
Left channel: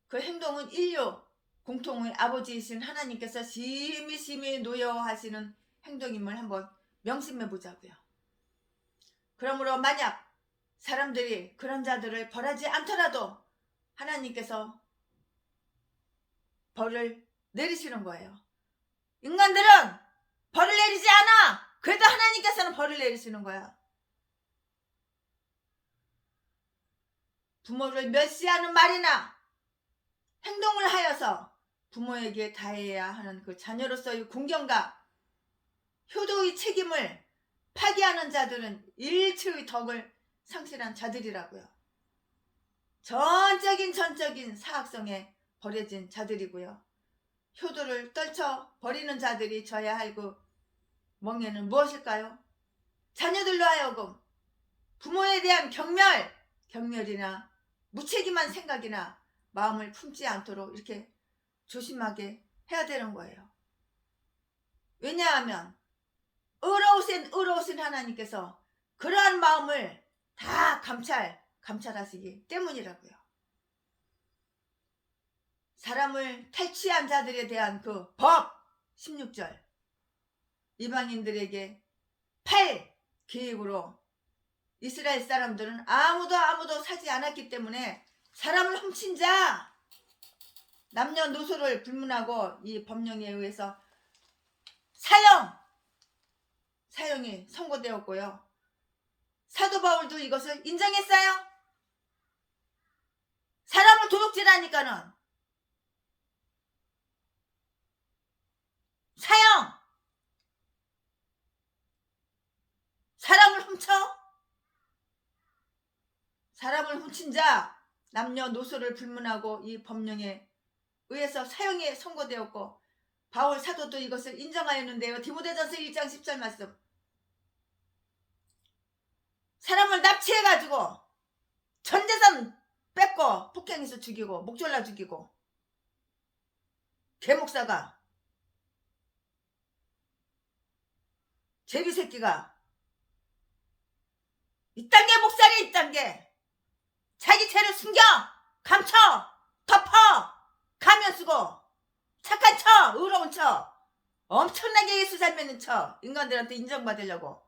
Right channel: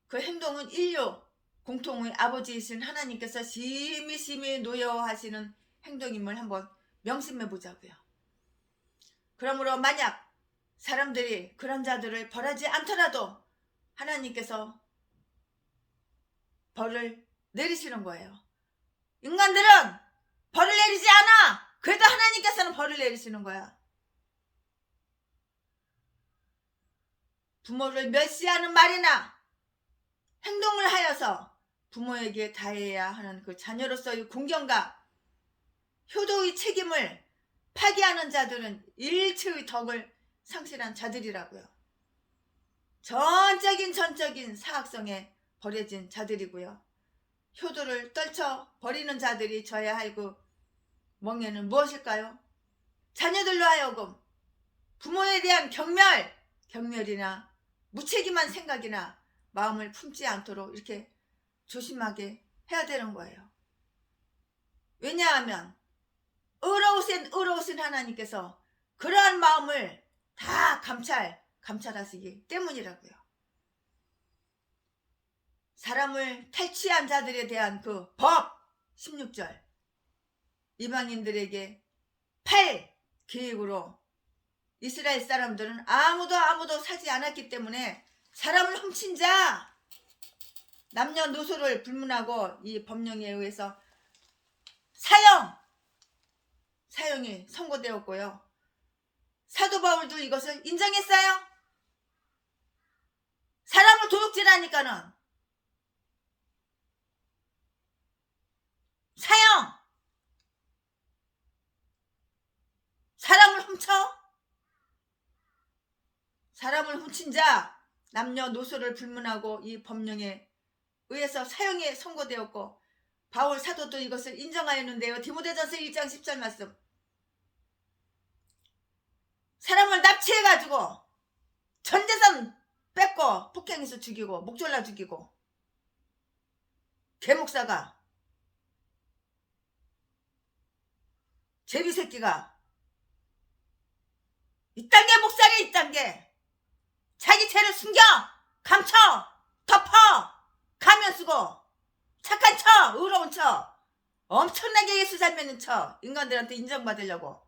그 행동은 인류 공통의 아버지이신 하나님께서 심히 노여워하시는 행동임을 한번 명심해 보자고요. 그러므로 만약 사람들이 그런 자들을 벌하지 않더라도 하나님께서 벌을 내리시는 거예요. 인간들은 벌을 내리지 않아. 그래도 하나님께서는 벌을 내리시는 거야. 부모를 멸시하는 말이나 행동을 하여서 부모에게 다해야 하는 그 자녀로서의 공경과 효도의 책임을 파기하는 자들은 일체의 덕을 상실한 자들이라고요. 전적인 사악성에 버려진 자들이고요. 효도를 떨쳐 버리는 자들이 져야 할 그 멍에는 무엇일까요? 자녀들로 하여금 부모에 대한 경멸이나 무책임한 생각이나 마음을 품지 않도록 이렇게 조심하게 해야 되는 거예요. 왜냐하면 의로우신 하나님께서 그러한 마음을 다 감찰하시기 때문이라고요. 사람을 탈취한 자들에 대한 그 법 16절 이방인들에게 팔 계획으로 이스라엘 사람들은 아무도 사지 않았기 때문에 사람을 훔친 자 남녀노소를 불문하고 이 법령에 의해서 사형이 선고되었고요. 사도 바울도 이것을 인정했어요. 사람을 도둑질하니까는 사형! 사람을 훔친 자 남녀노소를 불문하고 이 법령에 의해서 사형이 선고되었고 바울 사도도 이것을 인정하였는데요. 디모데전서 1장 10절 말씀. 사람을 납치해가지고 전재산 뺏고 폭행해서 죽이고 목졸라 죽이고 개목사가 죄비새끼가 이딴 게 목살이 이딴 게 자기 죄를 숨겨 감춰 덮어 가면 쓰고 착한 척 의로운 척 엄청나게 예수 잘 믿는 척 인간들한테 인정받으려고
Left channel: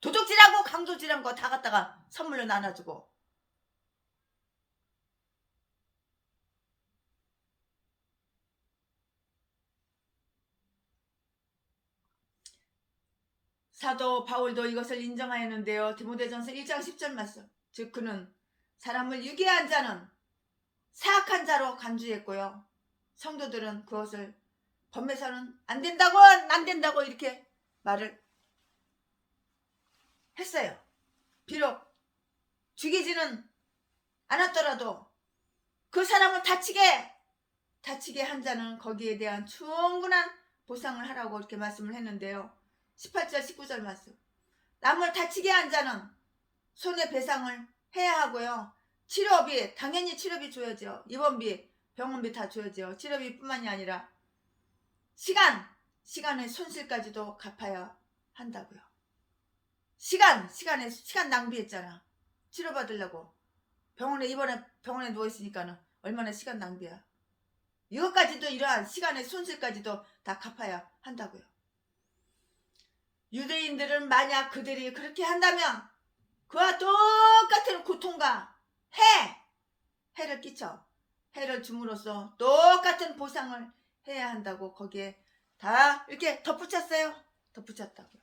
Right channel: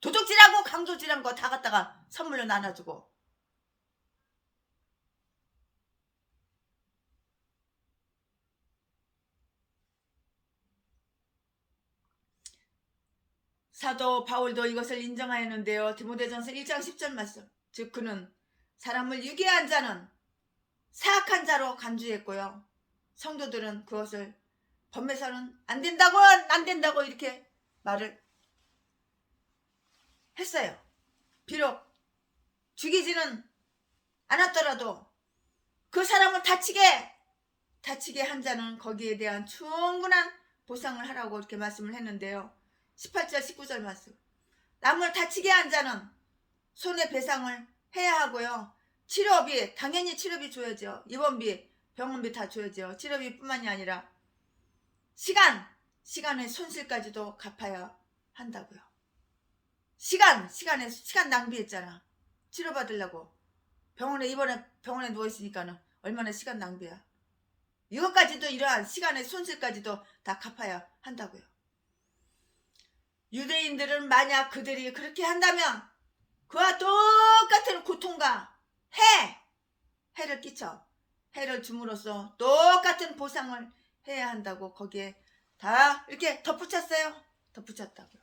도둑질하고 강도질한 거 다 갖다가 선물로 나눠주고 사도 바울도 이것을 인정하였는데요. 디모데전서 1장 10절 말씀. 즉 그는 사람을 유괴한 자는 사악한 자로 간주했고요. 성도들은 그것을 범해서는 안 된다고 이렇게 말을 했어요. 비록 죽이지는 않았더라도 그 사람을 다치게 한 자는 거기에 대한 충분한 보상을 하라고 이렇게 말씀을 했는데요. 18절 19절 말씀. 남을 다치게 한 자는 손해배상을 해야 하고요. 치료비 당연히 치료비 줘야죠. 입원비 병원비 다 줘야죠. 치료비뿐만이 아니라 시간의 손실까지도 갚아야 한다고요. 시간 낭비했잖아. 치료받으려고 병원에 누워있으니까는 얼마나 시간 낭비야. 이것까지도 이러한 시간의 손실까지도 다 갚아야 한다고요. 유대인들은 만약 그들이 그렇게 한다면 그와 똑같은 고통과 해를 끼쳐 해를 줌으로써 똑같은 보상을 해야 한다고 거기에 다 이렇게 덧붙였다고요.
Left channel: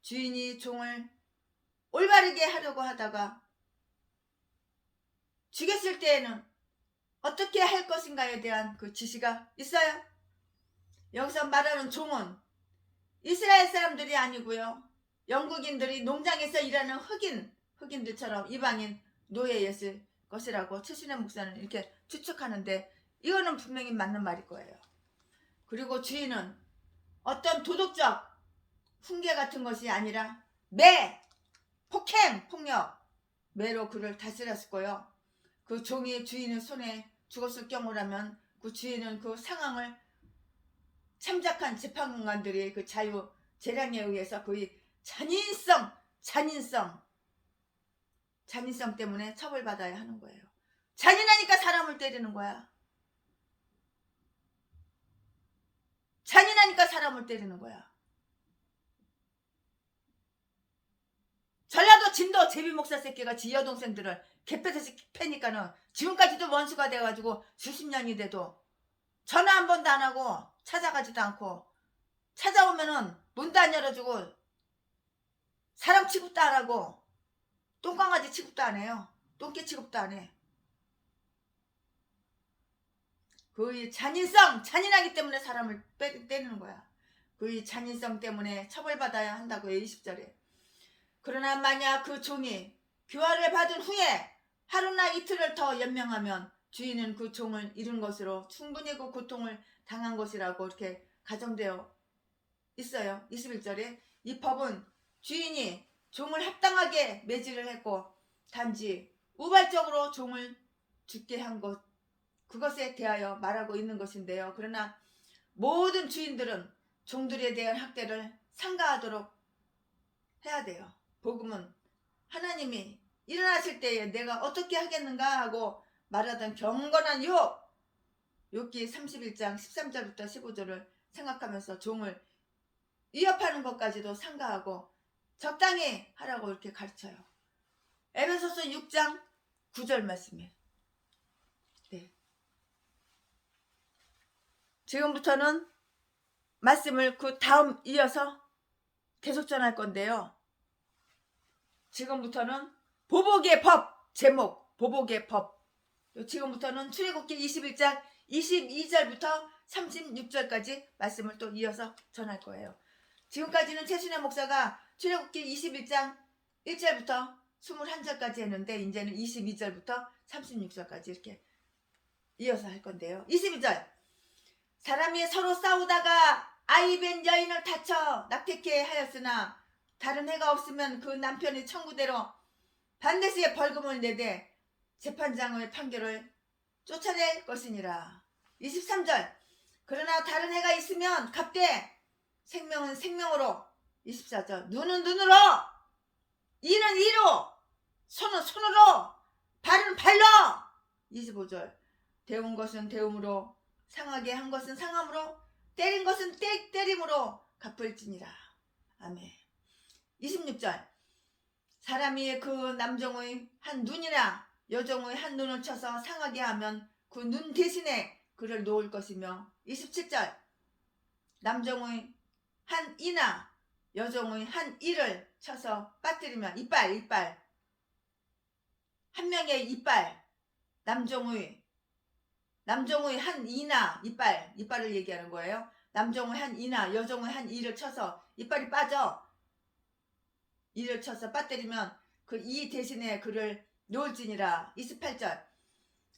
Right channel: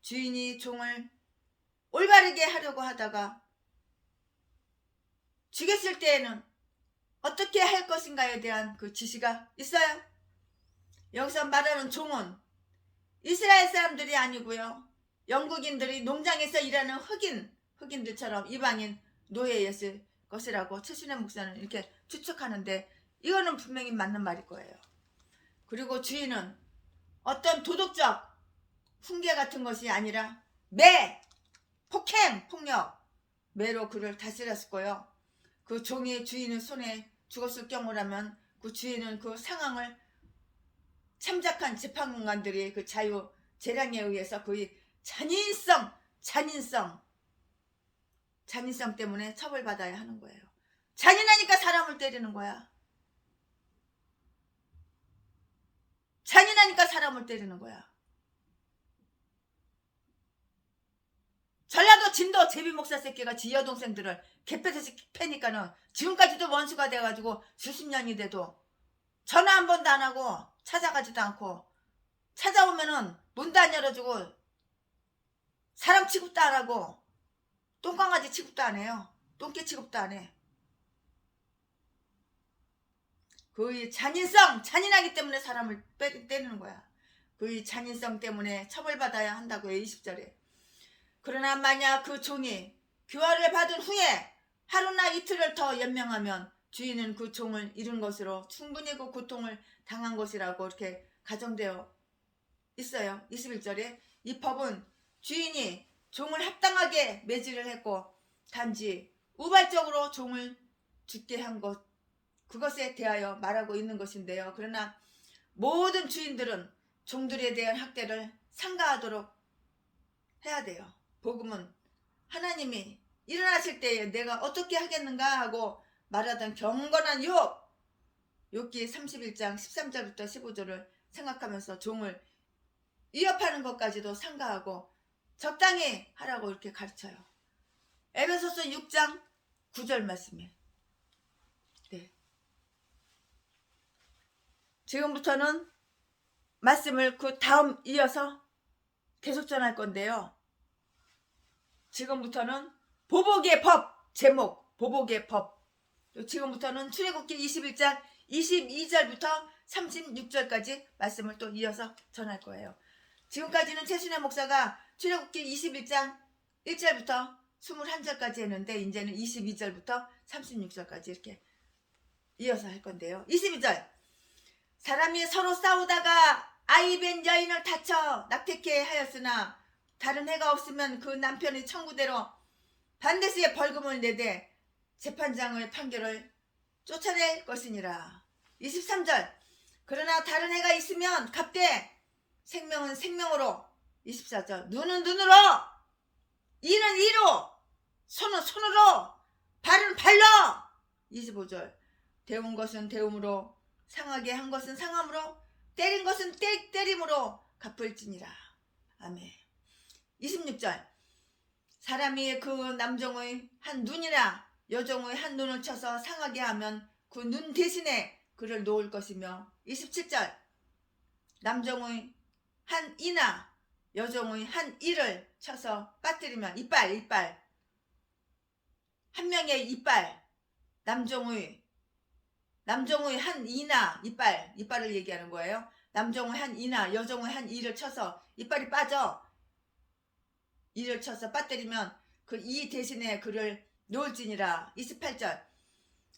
주인이 종을 올바르게 하려고 하다가 죽였을 때에는 어떻게 할 것인가에 대한 그 지시가 있어요. 여기서 말하는 종은 이스라엘 사람들이 아니고요. 영국인들이 농장에서 일하는 흑인들처럼 이방인 노예였을 것이라고 최신의 목사는 이렇게 추측하는데 이거는 분명히 맞는 말일 거예요. 그리고 주인은 어떤 도덕적 훈계 같은 것이 아니라 폭력, 매로 그를 다스렸을 거예요. 그 종이 주인의 손에 죽었을 경우라면 그 주인은 그 상황을 참작한 재판관들의 그 재량에 의해서 그의 잔인성 잔인성 때문에 처벌받아야 하는 거예요. 잔인하니까 사람을 때리는 거야. 잔인하니까 사람을 때리는 거야. 전라도 진도 제비 목사 새끼가 지 여동생들을 개패듯이 패니까는 지금까지도 원수가 돼가지고 수십 년이 돼도 전화 한 번도 안 하고 찾아가지도 않고, 찾아오면은 문도 안 열어주고 사람 취급도 안 하고 똥강아지 취급도 안 해요. 똥개 취급도 안 해. 그 잔인성, 잔인하기 때문에 사람을 때리는 거야. 그 잔인성 때문에 처벌받아야 한다고요. 20절에. 그러나 만약 그 종이 교화를 받은 후에 하루나 이틀을 더 연명하면 주인은 그 종을 잃은 것으로 충분히 그 고통을 당한 것이라고 이렇게 가정되어 있어요. 21절에 이 법은 주인이 종을 합당하게 매질을 했고 단지 우발적으로 종을 죽게 한 것, 그것에 대하여 말하고 있는 것인데요. 그러나 모든 주인들은 종들에 대한 학대를 삼가하도록 해야 돼요. 복음은 하나님이 일어나실 때에 내가 어떻게 하겠는가 하고 말하던 경건한 욥기 31장 13절부터 15절을 생각하면서 종을 위협하는 것까지도 삼가하고 적당히 하라고 이렇게 가르쳐요. 에베소서 6장 9절 말씀이에요. 네. 지금부터는 말씀을 그 다음 이어서 계속 전할 건데요. 지금부터는 보복의 법, 제목 보복의 법. 지금부터는 출애굽기 21장 22절부터 36절까지 말씀을 또 이어서 전할 거예요. 지금까지는 최순애 목사가 출애굽기 21장 1절부터 21절까지 했는데 이제는 22절부터 36절까지 이렇게 이어서 할 건데요. 22절. 사람이 서로 싸우다가 아이벤 여인을 다쳐 낙태케 하였으나 다른 해가 없으면 그 남편의 청구대로 반드시 벌금을 내되 재판장의 판결을 쫓아낼 것이니라. 23절. 그러나 다른 해가 있으면 갚되 생명은 생명으로. 24절. 눈은 눈으로, 이는 이로, 손은 손으로, 발은 발로. 25절. 데운 것은 데움으로, 상하게 한 것은 상함으로, 때린 것은 때림으로 갚을지니라. 아멘. 26절. 사람이 그 남종의 한 눈이나 여종의 한 눈을 쳐서 상하게 하면 그 눈 대신에 그를 놓을 것이며. 27절. 남종의 한 이나 여종의 한 이를 쳐서 빠뜨리면 이빨 한 명의 이빨, 남종의 한 이나 이빨을 얘기하는 거예요. 남종의 한 이나 여종의 한 이를 쳐서 이빨이 빠져 이를 쳐서 빠뜨리면 그 이 대신에 그를 놓을지니라. 28절.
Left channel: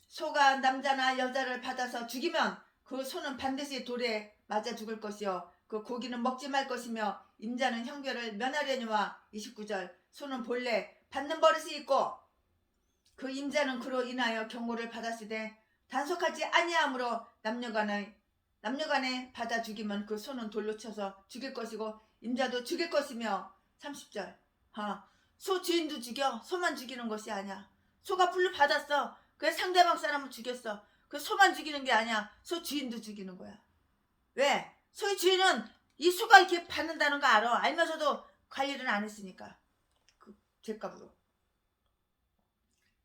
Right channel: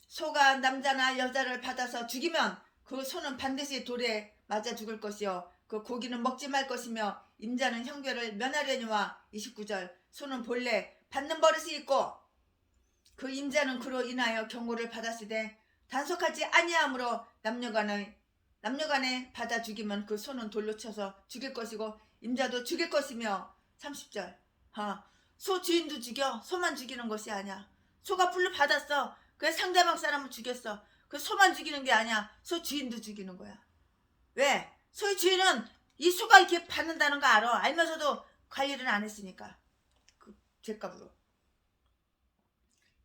소가 남자나 여자를 받아서 죽이면 그 소는 반드시 돌에 맞아 죽을 것이요 그 고기는 먹지 말 것이며 임자는 형벌을 면하려니와. 29절. 소는 본래 받는 버릇이 있고 그 임자는 그로 인하여 경고를 받았으되 단속하지 아니하므로 남녀간에 받아 죽이면 그 소는 돌로 쳐서 죽일 것이고 임자도 죽일 것이며. 30절. 소 주인도 죽여. 소만 죽이는 것이 아니야. 소가 불로 받았어. 그래서 상대방 사람을 죽였어. 그 소만 죽이는 게 아니야. 소 주인도 죽이는 거야. 왜? 소의 주인은 이 소가 이렇게 받는다는 거 알아. 알면서도 관리를 안 했으니까. 그 죄값으로.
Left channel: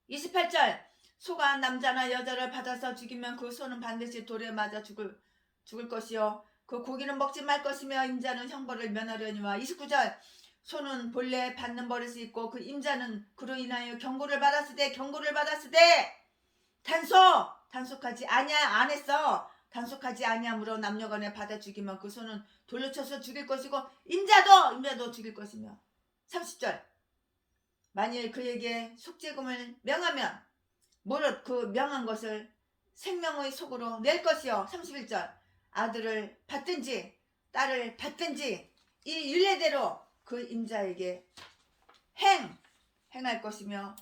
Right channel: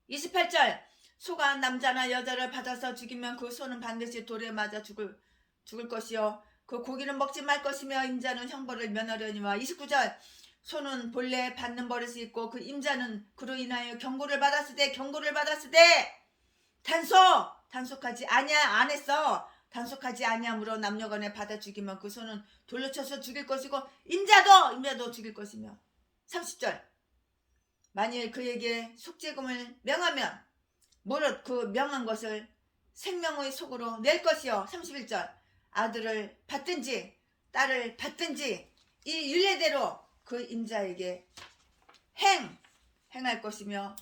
28절. 소가 남자나 여자를 받아서 죽이면 그 소는 반드시 돌에 맞아 죽을 것이요 그 고기는 먹지 말 것이며 임자는 형벌을 면하려니와. 29절. 소는 본래 받는 버릇이 있고 그 임자는 그로 인하여 경고를 받았으되 단속하지 안 했어. 단속하지 아니하므로 남녀간에 받아 죽이면 그 소는 돌로 쳐서 죽일 것이고 임자도 죽일 것이며. 30절. 만일 그에게 속죄금을 명하면 무릇 그 명한 것을 생명의 속으로 낼 것이요. 31절. 아들을 받든지 딸을 받든지 이 율례대로 그 임자에게 행할 것이며.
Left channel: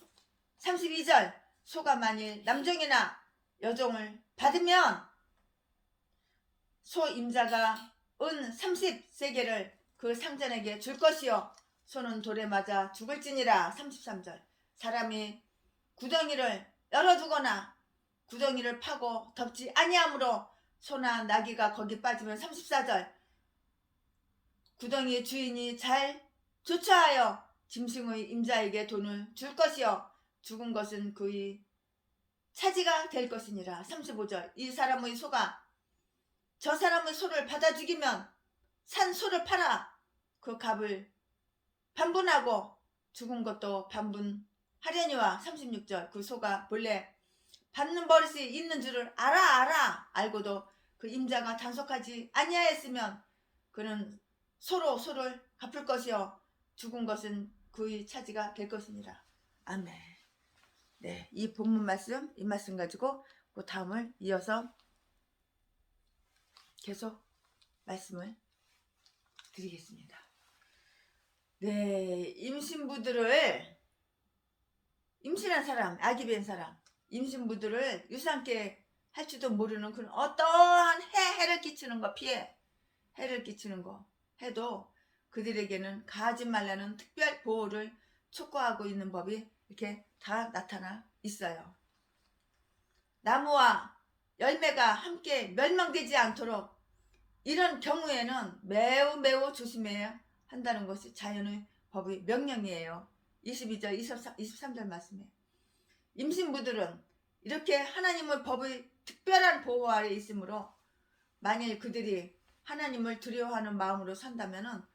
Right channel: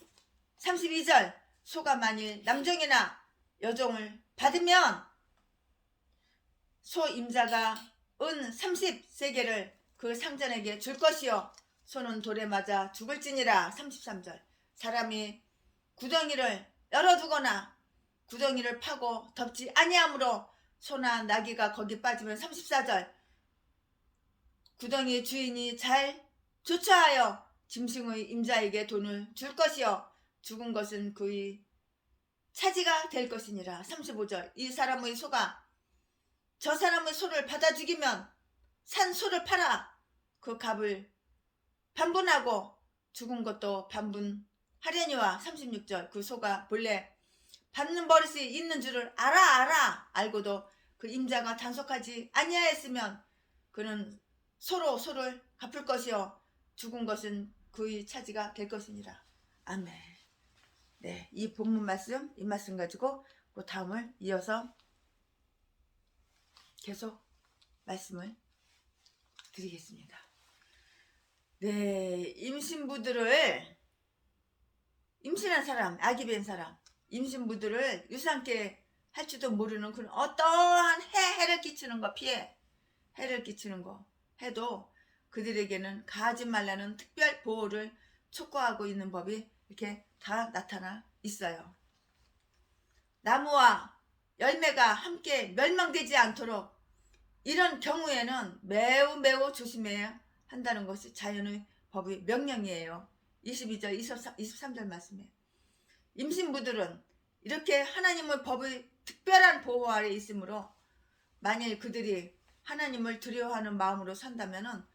32절. 소가 만일 남종이나 여종을 받으면 소 임자가 은 30세겔을 그 상전에게 줄 것이요 소는 돌에 맞아 죽을지니라. 33절. 사람이 구덩이를 열어두거나 구덩이를 파고 덮지 아니하므로 소나 나귀가 거기 빠지면 34절 구덩이의 주인이 잘 조처하여 짐승의 임자에게 돈을 줄 것이요 죽은 것은 그의 차지가 될 것이니라. 35절 이 사람의 소가 저 사람의 소를 받아 죽이면 산 소를 팔아 그 값을 반분하고 죽은 것도 반분하려니와. 36절 그 소가 본래 받는 버릇이 있는 줄을 알고도 그 임자가 단속하지 아니하였으면 그는 소로 소를 갚을 것이요 죽은 것은 그의 차지가 될 것이니라. 아멘. 네, 이 본문 말씀, 이 말씀 가지고 그 다음을 이어서 계속 말씀을 드리겠습니다. 네, 임신한 사람, 아기 뵌 사람, 임신부들을 유산케 할지도 모르는 그런 어떠한 해를 끼치는 거, 해를 끼치는 거 해도 그들에게는 가하지 말라는 특별 보호를 촉구하고 있는 법이 이렇게 다 나타나 있어요. 나무와 열매가 함께 멸망되지 않도록 이런 경우에는 매우 조심해야 한다는 것이 자연의 법의 명령이에요. 22절 23절 말씀에 임신부들은 이렇게 하나님의 법의 특별한 보호 아래 있으므로 만일 그들이 하나님을 두려워하는 마음으로 산다면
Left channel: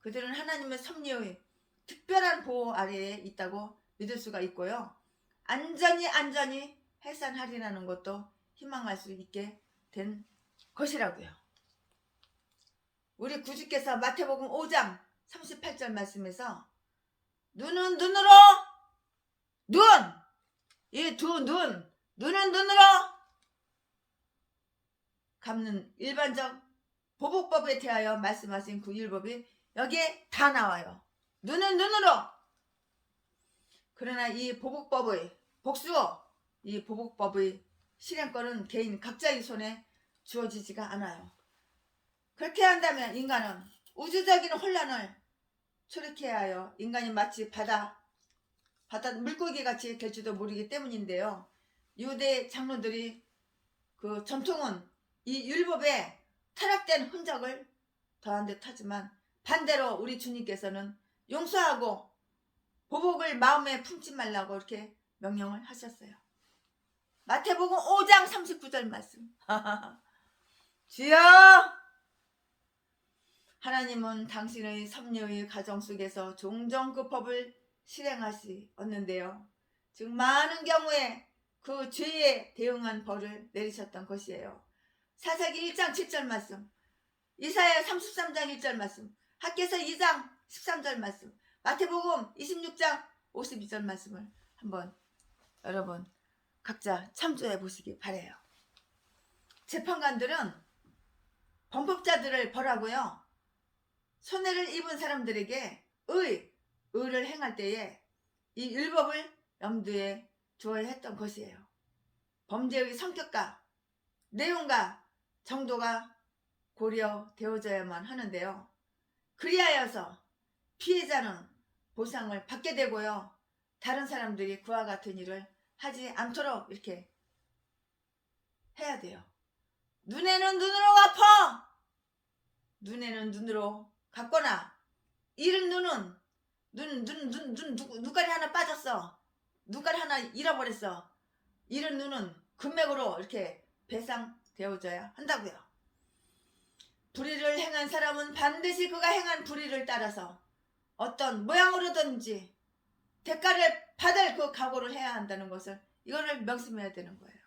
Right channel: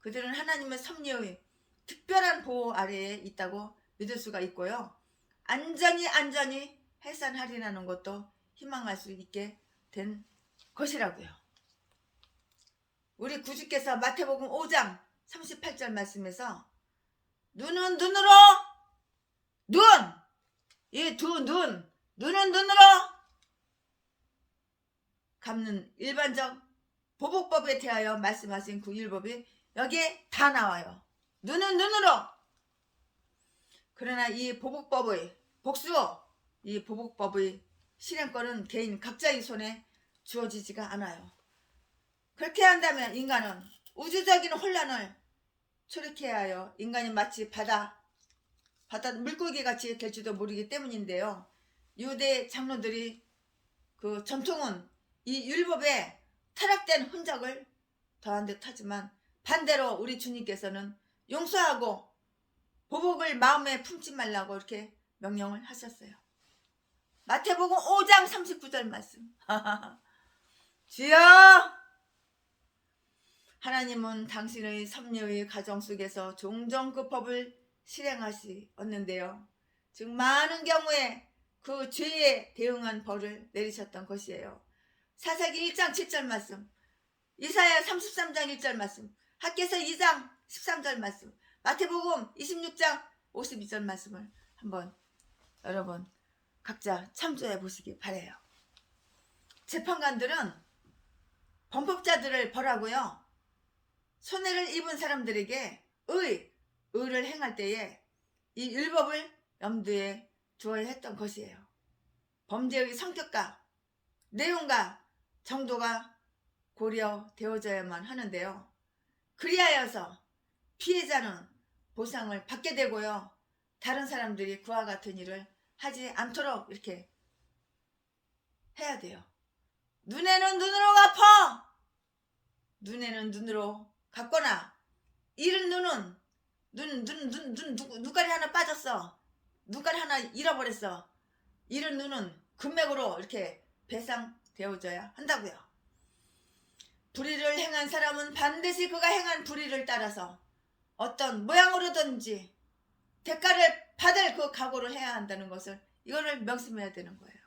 그들은 하나님의 섭리의 특별한 보호 아래에 있다고 믿을 수가 있고요. 안전히 해산하리라는 것도 희망할 수 있게 된 것이라고요. 우리 구주께서 마태복음 5장 38절 말씀에서 눈은 눈으로 이 두 눈은 눈으로 갚는 일반적 보복법에 대하여 말씀하신 그 율법이 여기에 다 나와요. 눈은 눈으로. 그러나 이 보복법의 이 보복법의 실행권은 개인 각자의 손에 주어지지가 않아요. 그렇게 한다면 인간은 우주적인 혼란을 초래케 하여 인간이 마치 바다 물고기 같이 될지도 모르기 때문인데요. 유대 장로들이 그 전통은 이 율법에 타락된 흔적을 더한 듯 하지만 반대로 우리 주님께서는 용서하고 보복을 마음에 품지 말라고 이렇게 명령을 하셨어요. 마태복음 5장 39절 말씀. 주여, 하나님은 당신의 섭리의 가정 속에서 종종 그 법을 실행하시었는데요. 즉 많은 경우에 그 죄에 대응한 벌을 내리셨던 것이에요. 사사기 1장 7절 말씀, 이사야 33장 1절 말씀, 학개서 2장 13절 말씀, 마태복음 26장 52절 말씀을 한번 여러분 각자 참조해 보시기 바래요. 재판관들은 범법자들을 벌하고요. 손해를 입은 사람들에게 의를 행할 때에 이 율법을 염두에 두어야 했던 것이에요. 범죄의 성격과 내용과 정도가 고려되어져야만 하는데요. 그리하여서 피해자는 보상을 받게 되고요. 다른 사람들이 그와 같은 일을 하지 않도록 이렇게 해야 돼요. 눈에는 눈으로 갚아. 눈에는 눈으로 갚거나 잃은 눈은 눈깔이 하나 빠졌어. 눈깔이 하나 잃어버렸어. 잃은 눈은 금맥으로 이렇게 배상되어져야 한다고요. 불의를 행한 사람은 반드시 그가 행한 불의를 따라서 어떤 모양으로든지 대가를 받을 그 각오를 해야 한다는 것을 이거를 명심해야 되는 거예요.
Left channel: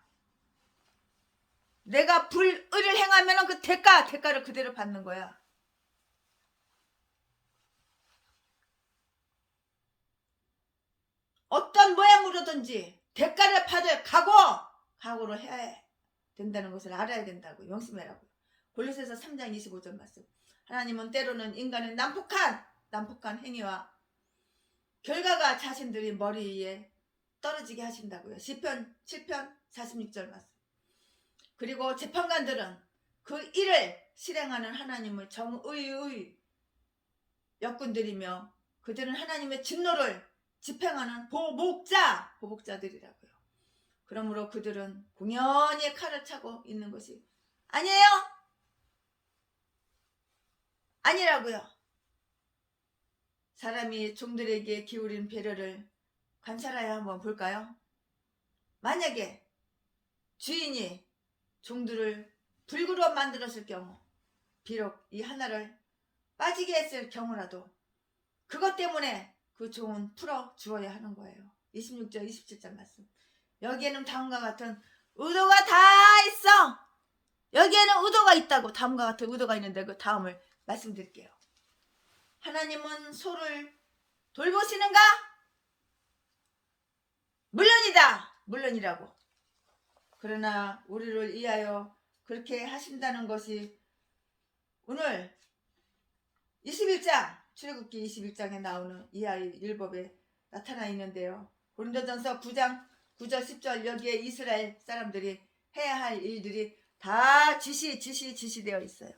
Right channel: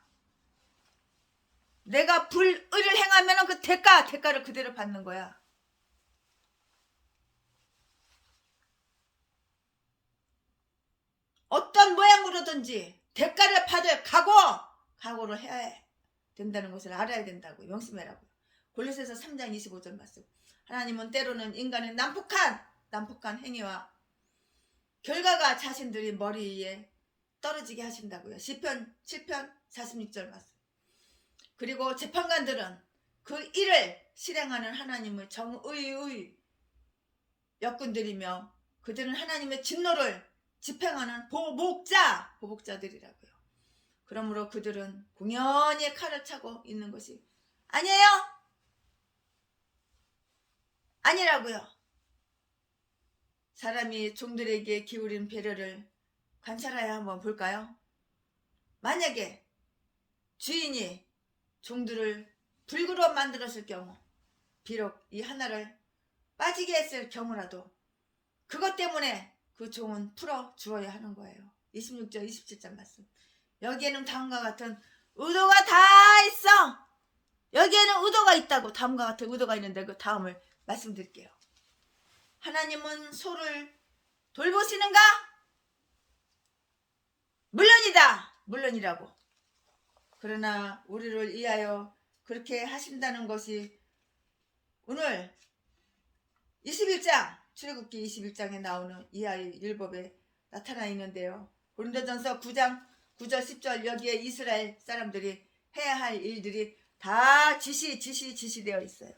내가 불의를 행하면 그 대가를 그대로 받는 거야. 어떤 모양으로든지 대가를 받을 각오를 해야 된다는 것을 알아야 된다고 명심해라고. 골로새서 3장 25절 말씀. 하나님은 때로는 인간의 난폭한 행위와 결과가 자신들이 머리 위에 떨어지게 하신다고요. 시편 7편 46절 말씀. 그리고 재판관들은 그 일을 실행하는 하나님의 정의의 역군들이며 그들은 하나님의 진노를 집행하는 보복자들이라고요. 그러므로 그들은 공연히 칼을 차고 있는 것이 아니에요. 아니라고요. 사람이 종들에게 기울인 배려를 관찰하여 한번 볼까요? 만약에 주인이 종들을 불구로 만들었을 경우, 비록 이 하나를 빠지게 했을 경우라도 그것 때문에 그 종은 풀어 주어야 하는 거예요. 26절 27절 말씀. 여기에는 다음과 같은 의도가 다 있어. 여기에는 의도가 있다고. 다음과 같은 의도가 있는데 그 다음을 말씀드릴게요. 하나님은 소를 돌보시는가? 물론이다. 물론이라고. 그러나 우리를 위하여 그렇게 하신다는 것이 오늘 21장 출애굽기 21장에 나오는 이하의 율법에 나타나 있는데요. 고린도전서 9장 9절 10절 여기에 이스라엘 사람들이 해야 할 일들이 다 지시되어 있어요.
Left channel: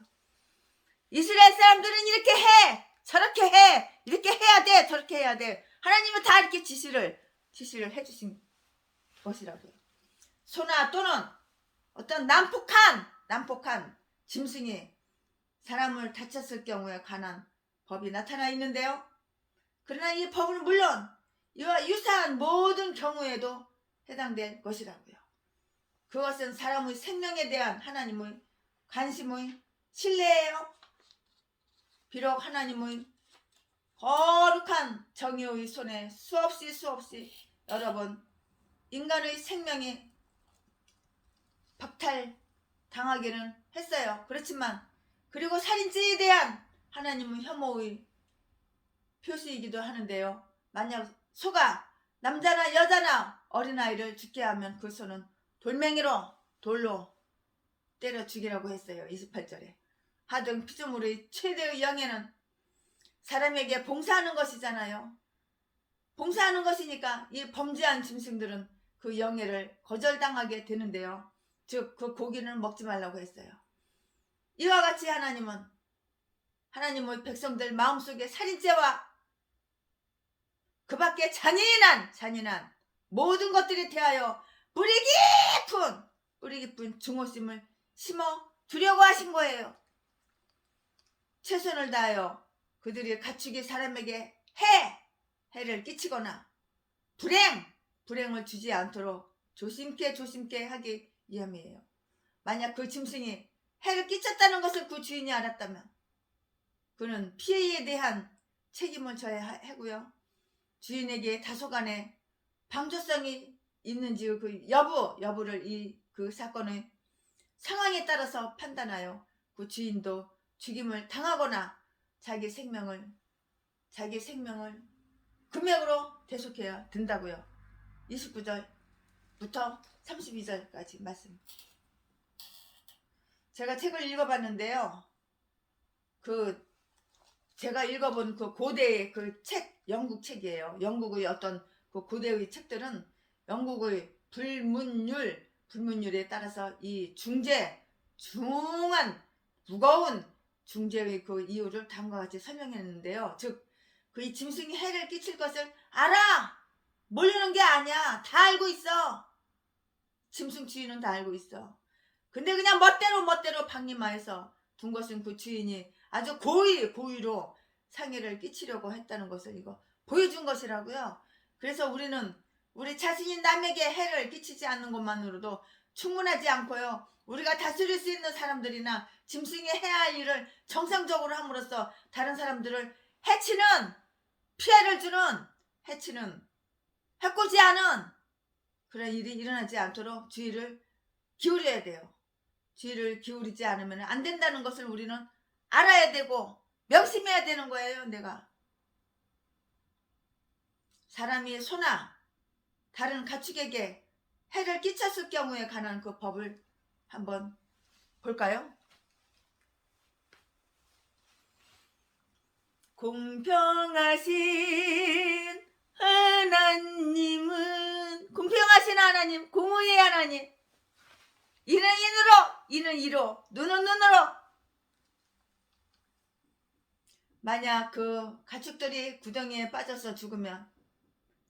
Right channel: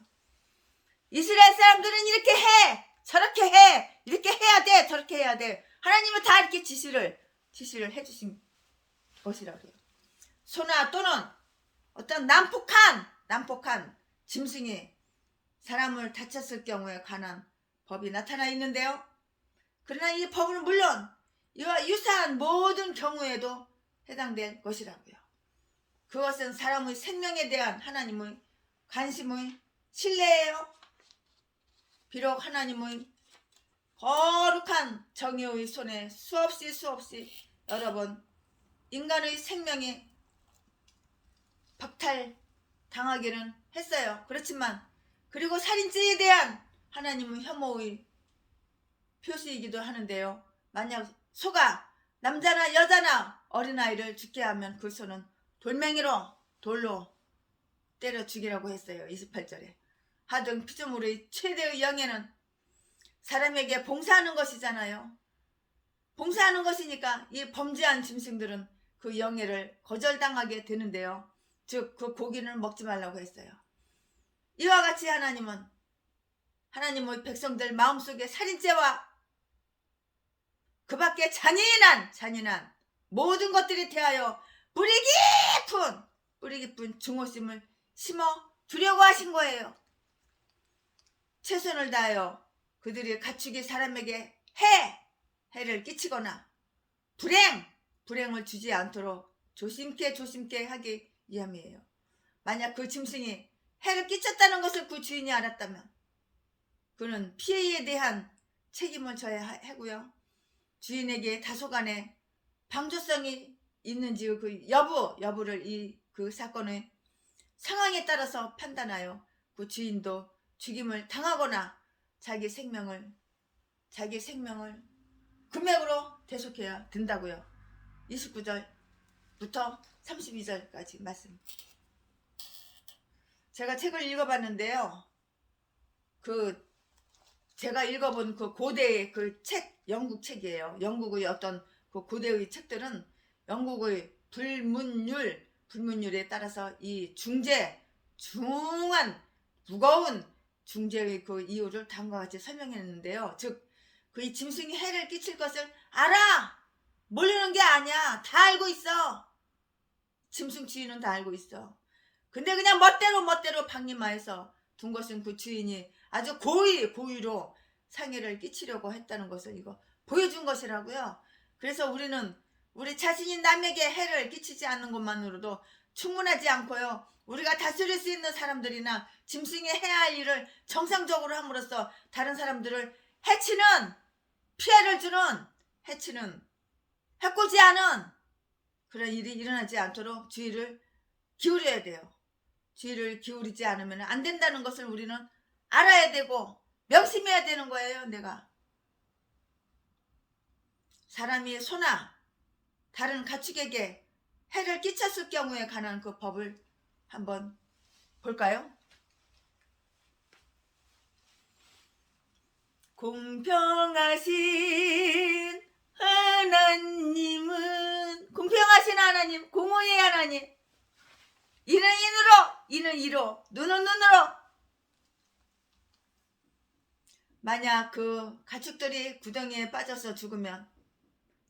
이스라엘 사람들은 이렇게 해, 저렇게 해, 이렇게 해야 돼, 저렇게 해야 돼. 하나님은 다 이렇게 지시를 해주신 것이라고요. 소나 또는 어떤 난폭한 짐승이 사람을 다쳤을 경우에 관한 법이 나타나 있는데요. 그러나 이 법은 물론 이와 유사한 모든 경우에도 해당될 것이라고요. 그것은 사람의 생명에 대한 하나님의 관심의 신뢰예요. 비록 하나님의 거룩한 정의의 손에 수없이 여러 번 인간의 생명이 박탈당하기는 했어요. 그렇지만 그리고 살인죄에 대한 하나님의 혐오의 표시이기도 하는데요. 만약 소가 남자나 여자나 어린아이를 죽게 하면 그 소는 돌로 때려 죽이라고 했어요. 28절에. 하등 피조물의 최대의 영예는 사람에게 봉사하는 것이잖아요. 봉사하는 것이니까 이 범죄한 짐승들은 그 영예를 거절당하게 되는데요. 즉 그 고기는 먹지 말라고 했어요. 이와 같이 하나님의 백성들 마음속에 살인죄와 그 밖에 잔인한 모든 것들이 대하여 뿌리 깊은 증오심을 심어 두려고 하신 거예요. 최선을 다하여 그들이 가축이 사람에게 해를 끼치거나 불행을 주지 않도록 조심케 하기 위함이에요. 만약 그 짐승이 해를 끼쳤다는 것을 그 주인이 알았다면 그는 피해에 대한 책임을 져야 하고요. 주인에게 다소간의 방조성이 있는지 그 여부를 그 사건의 상황에 따라서 판단하여 그 주인도 죽임을 당하거나 자기 생명을 금액으로 대속해야 된다고요. 29절부터 32절까지 말씀. 제가 책을 읽어봤는데요. 제가 읽어본 그 고대의 그 책, 영국 책이에요. 영국의 어떤 그 고대의 책들은 영국의 불문율에 따라서 이 중한 무거운 중죄의 그 이유를 다음과 같이 설명했는데요. 즉, 그 이 짐승이 해를 끼칠 것을 알아! 모르는 게 아니야. 다 알고 있어. 짐승 주인은 다 알고 있어. 근데 그냥 멋대로 방임하여서 둔 것은 그 주인이 아주 고의로 상해를 끼치려고 했다는 것을 이거 보여준 것이라고요. 그래서 우리는 우리 자신이 남에게 해를 끼치지 않는 것만으로도 충분하지 않고요. 우리가 다스릴 수 있는 사람들이나 짐승이 해야 할 일을 정상적으로 함으로써 다른 사람들을 피해를 주는 해코지 않은 그런 일이 일어나지 않도록 주의를 기울여야 돼요. 주의를 기울이지 않으면 안 된다는 것을 우리는 알아야 되고 명심해야 되는 거예요. 내가 사람이 소나 다른 가축에게 해를 끼쳤을 경우에 관한 그 법을 한번 볼까요? 공평하신 하나님은 공평하신 하나님, 공의의 하나님, 이는 이로, 눈은 눈으로. 만약 그 가축들이 구덩이에 빠져서 죽으면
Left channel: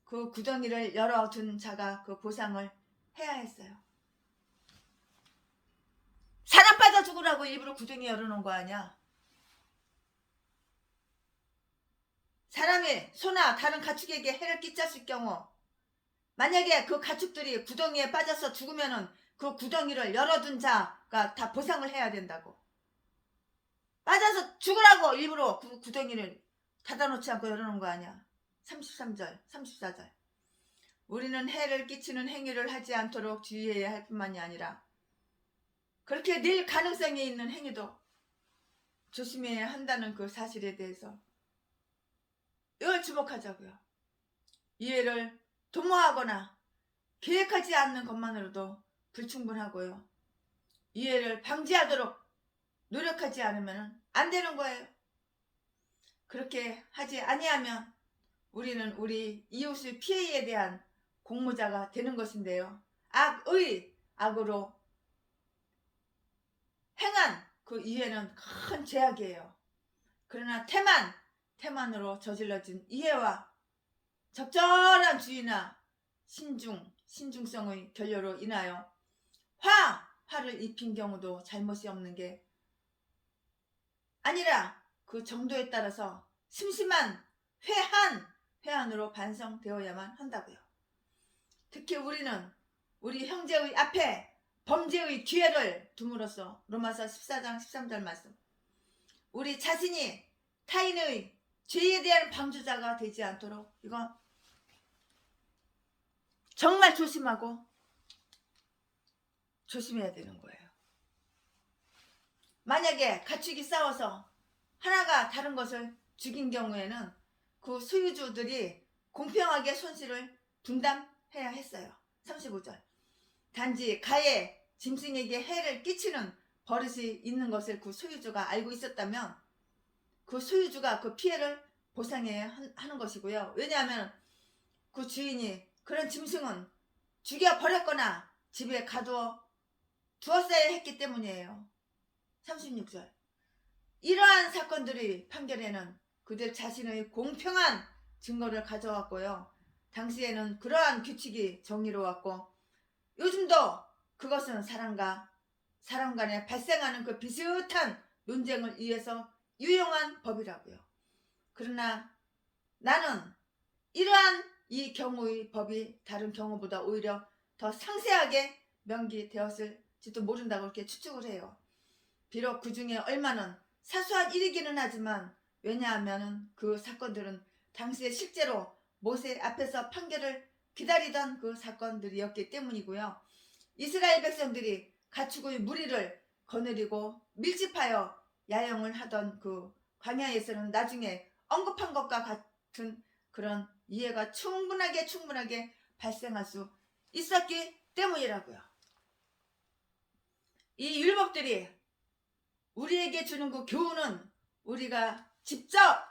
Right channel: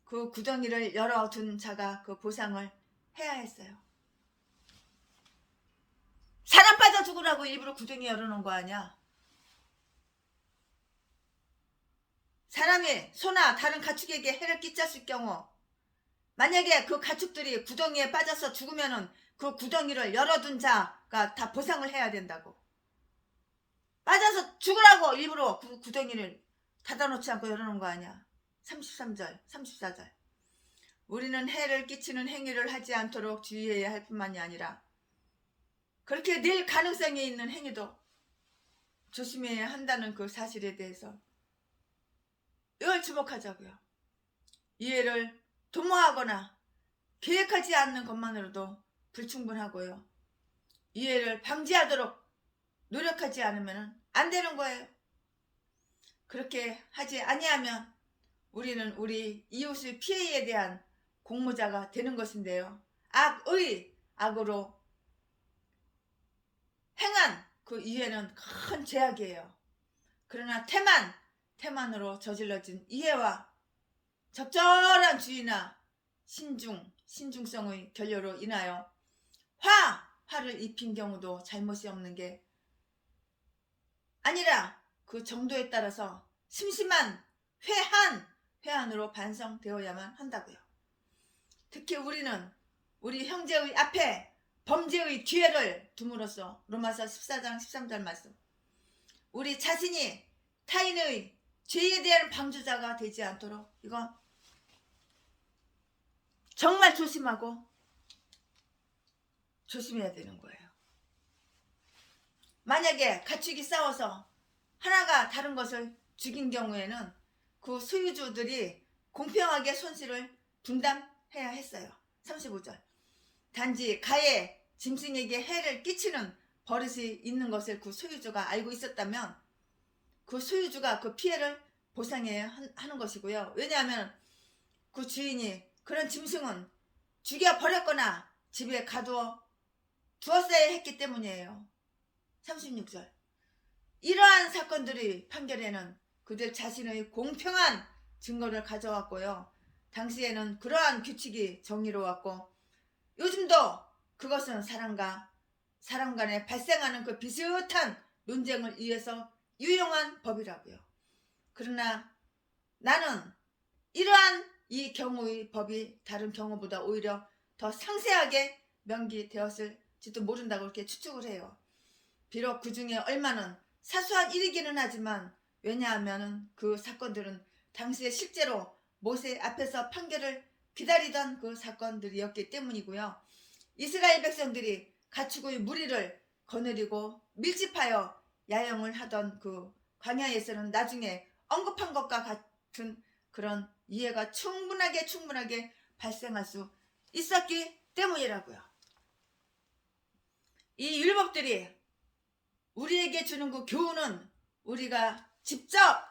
그 구덩이를 열어둔 자가 그 보상을 해야 했어요. 사람 빠져 죽으라고 일부러 구덩이 열어놓은 거 아니야. 사람이 소나 다른 가축에게 해를 끼쳤을 경우 만약에 그 가축들이 구덩이에 빠져서 죽으면은 그 구덩이를 열어둔 자가 다 보상을 해야 된다고. 빠져서 죽으라고 일부러 그 구덩이를 닫아놓지 않고 열어놓은 거 아니야. 33절 34절 우리는 해를 끼치는 행위를 하지 않도록 주의해야 할 뿐만이 아니라 그렇게 늘 가능성이 있는 행위도 조심해야 한다는 그 사실에 대해서 이걸 주목하자고요. 이해를 도모하거나 계획하지 않는 것만으로도 불충분하고요. 이해를 방지하도록 노력하지 않으면 안 되는 거예요. 그렇게 하지 아니하면 우리는 우리 이웃의 피해에 대한 공모자가 되는 것인데요. 악으로 행한 그 이해는 큰 죄악이에요. 그러나 태만으로 저질러진 이해와 적절한 주의나 신중성의 결여로 인하여 화를 입힌 경우도 잘못이 없는 게 아니라 그 정도에 따라서 심심한 회한으로 반성되어야만 한다고요. 특히 우리는 우리 형제의 앞에 범죄의 기회를 둠으로써 로마서 14장 13절 말씀 우리 자신이 타인의 죄에 대한 방주자가 되지 않도록 이거 정말 조심해야 되는 거예요. 만약에 가축이 싸워서 하나가 다른 것을 죽인 경우에는 그 소유주들이 공평하게 손실을 분담해야 했어요. 35절 단지 가해 짐승에게 해를 끼치는 버릇이 있는 것을 그 소유주가 알고 있었다면 그 소유주가 그 피해를 보상해야 하는 것이고요. 왜냐하면 그 주인이 그런 짐승은 죽여버렸거나 집에 가두어 두었어야 했기 때문이에요. 36절 이러한 사건들의 판결에는 그들 자신의 공평한 증거를 가져왔고요. 당시에는 그러한 규칙이 정의로웠고 요즘도 그것은 사람 간에 발생하는 그 비슷한 논쟁을 위해서 유용한 법이라고요. 그러나 나는 이러한 이 경우의 법이 다른 경우보다 오히려 더 상세하게 명기되었을지도 모른다고 이렇게 추측을 해요. 비록 그 중에 얼마는 사소한 일이기는 하지만 왜냐하면 그 사건들은 당시에 실제로 모세 앞에서 판결을 기다리던 그 사건들이었기 때문이고요. 이스라엘 백성들이 가축의 무리를 거느리고 밀집하여 야영을 하던 그 광야에서는 나중에 언급한 것과 같은 그런 이해가 충분하게 발생할 수 있었기 때문이라고요. 이 율법들이 우리에게 주는 그 교훈은 우리가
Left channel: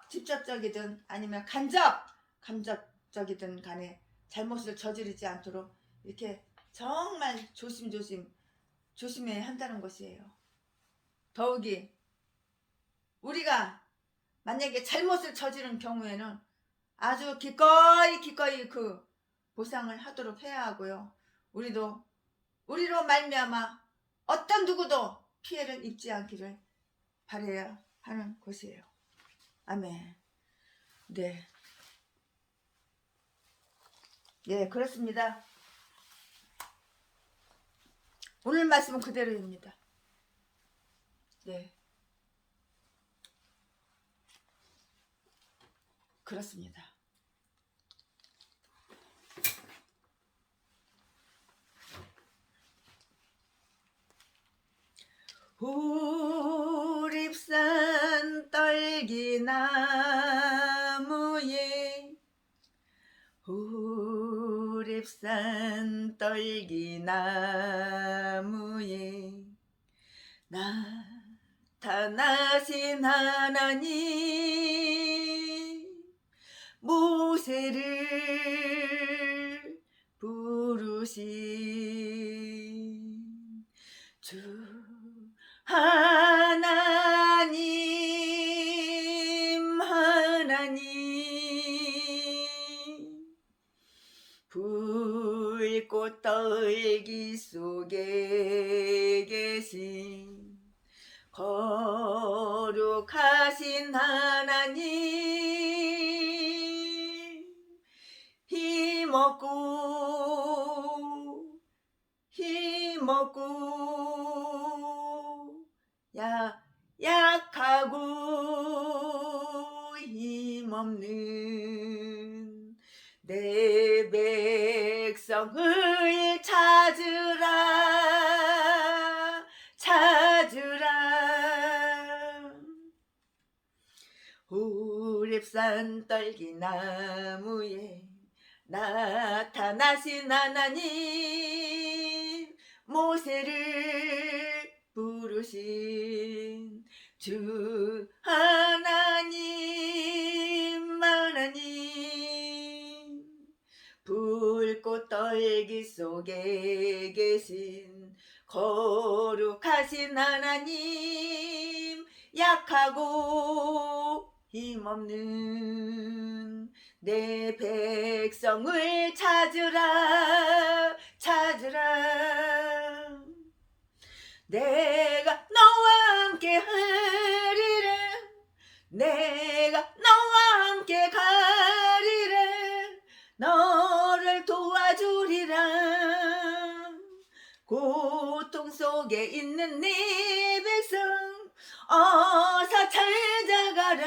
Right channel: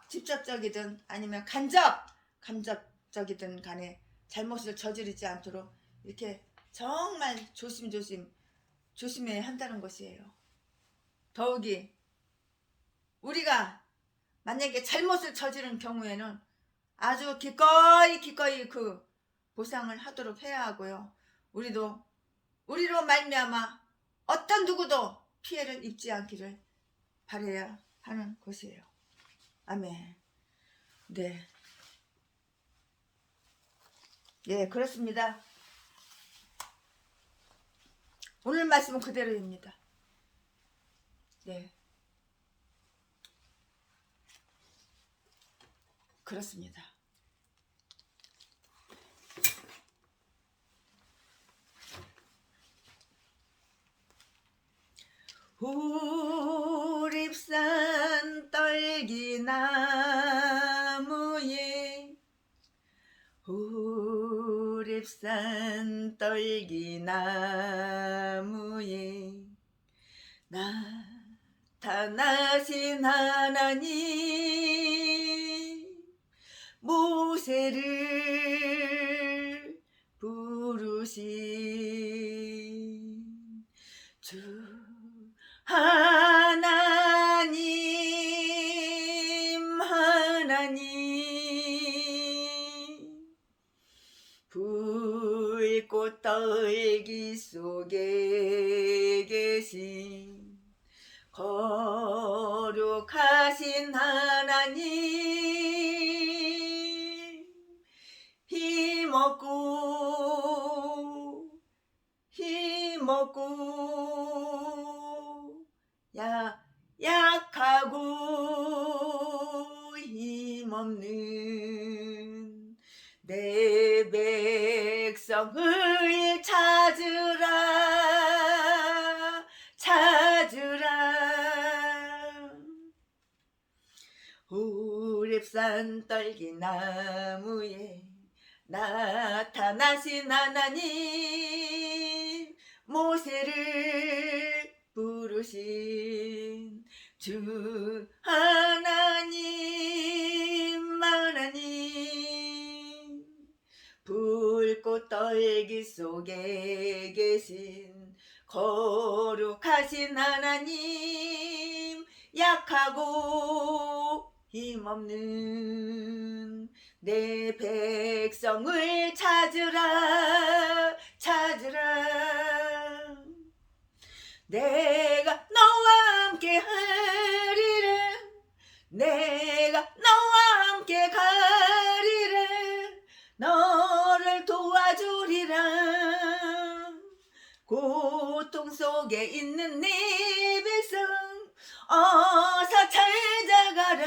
직접적이든 아니면 간접적이든 간에 잘못을 저지르지 않도록 이렇게 정말 조심해야 한다는 것이에요. 더욱이 우리가 만약에 잘못을 저지른 경우에는 아주 기꺼이 그 보상을 하도록 해야 하고요. 우리로 말미암아 어떤 누구도 피해를 입지 않기를 바라야 하는 것이에요. 아멘. 네, 그렇습니다. 오늘 말씀은 그대로입니다. 네, 그렇습니다. 후립산 떨기나무에 후립산 떨기나무에 나타나신 하나님 모세를 부르신 주 하나님 불꽃 떨기 속에 계신 거룩하신 하나님, 힘없고 약하고 힘없는 내 백성을 찾으라. 호렙산 떨기나무에 나타나신 하나님, 모세를 부르신 주 하나님, 불꽃 떨기 속에 계신 거룩하신 하나님, 약하고 힘없는 내 백성을 찾으라. 내가 너와 함께 하리라. 내가 너와 함께 가리라. 너를 도와주리라. 고통 속에 있는 네 백성 어서 찾아가라.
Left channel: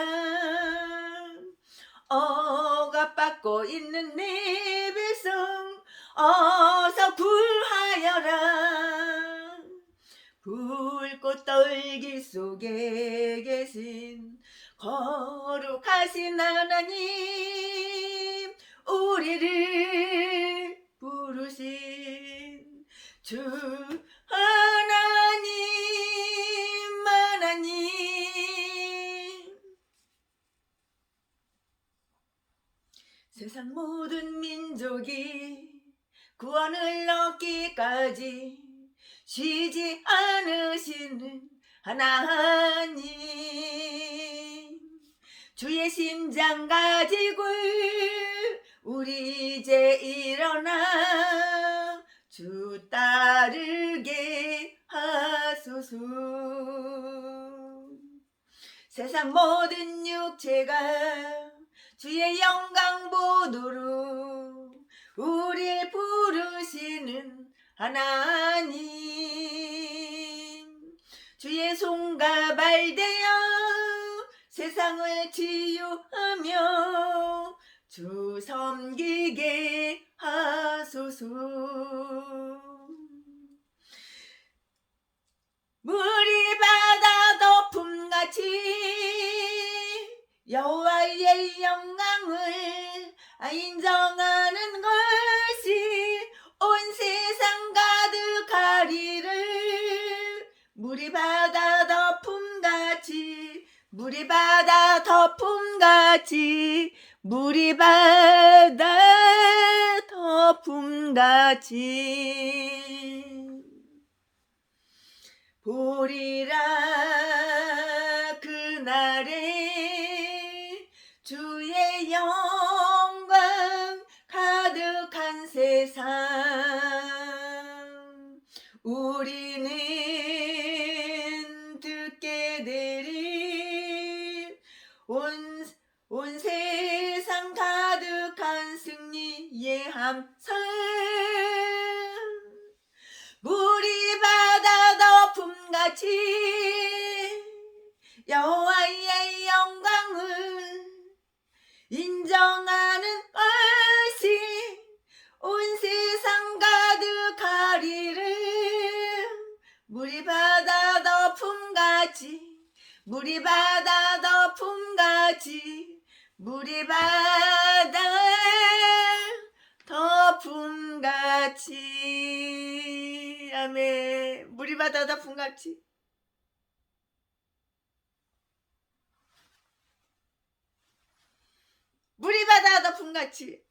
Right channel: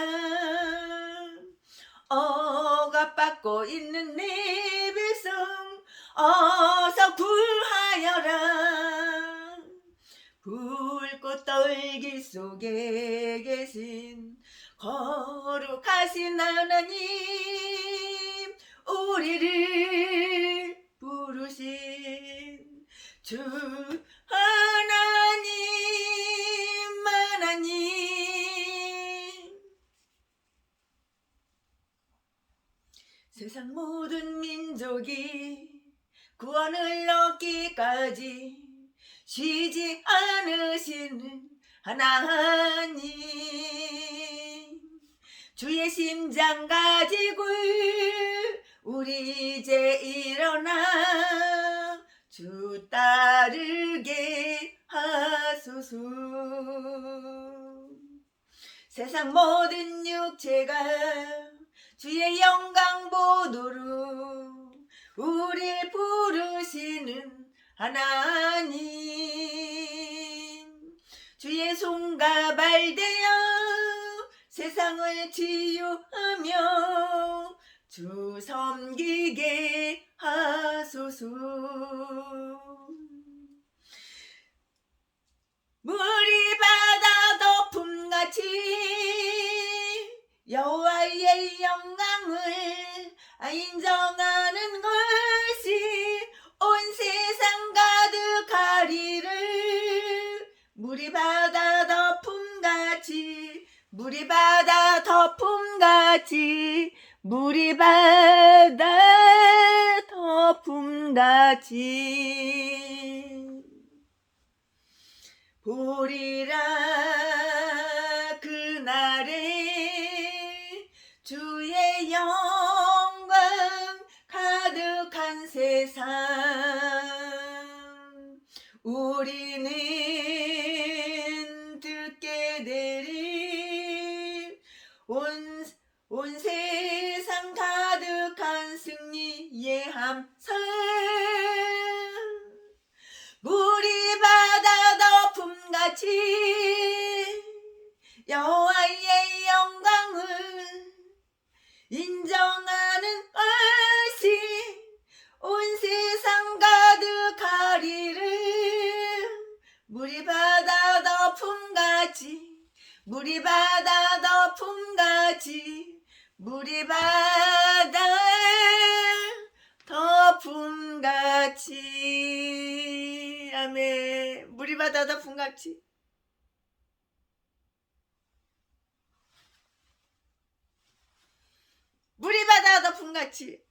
억압받고 있는 내 백성 어서 구하여라. 불꽃 떨기 속에 계신 거룩하신 하나님, 우리를 부르신 주 하나님, 세상 모든 민족이 구원을 얻기까지 쉬지 않으시는 하나님, 주의 심장 가지고 우리 이제 일어나 주 따르게 하소서. 세상 모든 육체가 주의 영광 보도록 우릴 부르시는 하나님, 주의 손과 발 되어 세상을 치유하며 주 섬기게 하소서. 물이 바다 덮음같이 여호와의 영광을 인정하는 것이 온 세상 가득하리를. 물이 바다 덮음같이, 물이 바다 덮음같이, 물이 바다 덮음같이 보리라. 그날에 주의 영광 가득한 세상, 우리는 듣게 되리. 온 세상 가득한 승리의 함성. 물이 바다 덮음같이 여호와의 영광을 인정하는 것이 온 세상 가득하리를. 물이 바다 덮음같이, 물이 바다 덮음같이, 물이 바다 덮음같이. 아멘. 물이 바다 덮음같이. 물이 바다 덮음같이.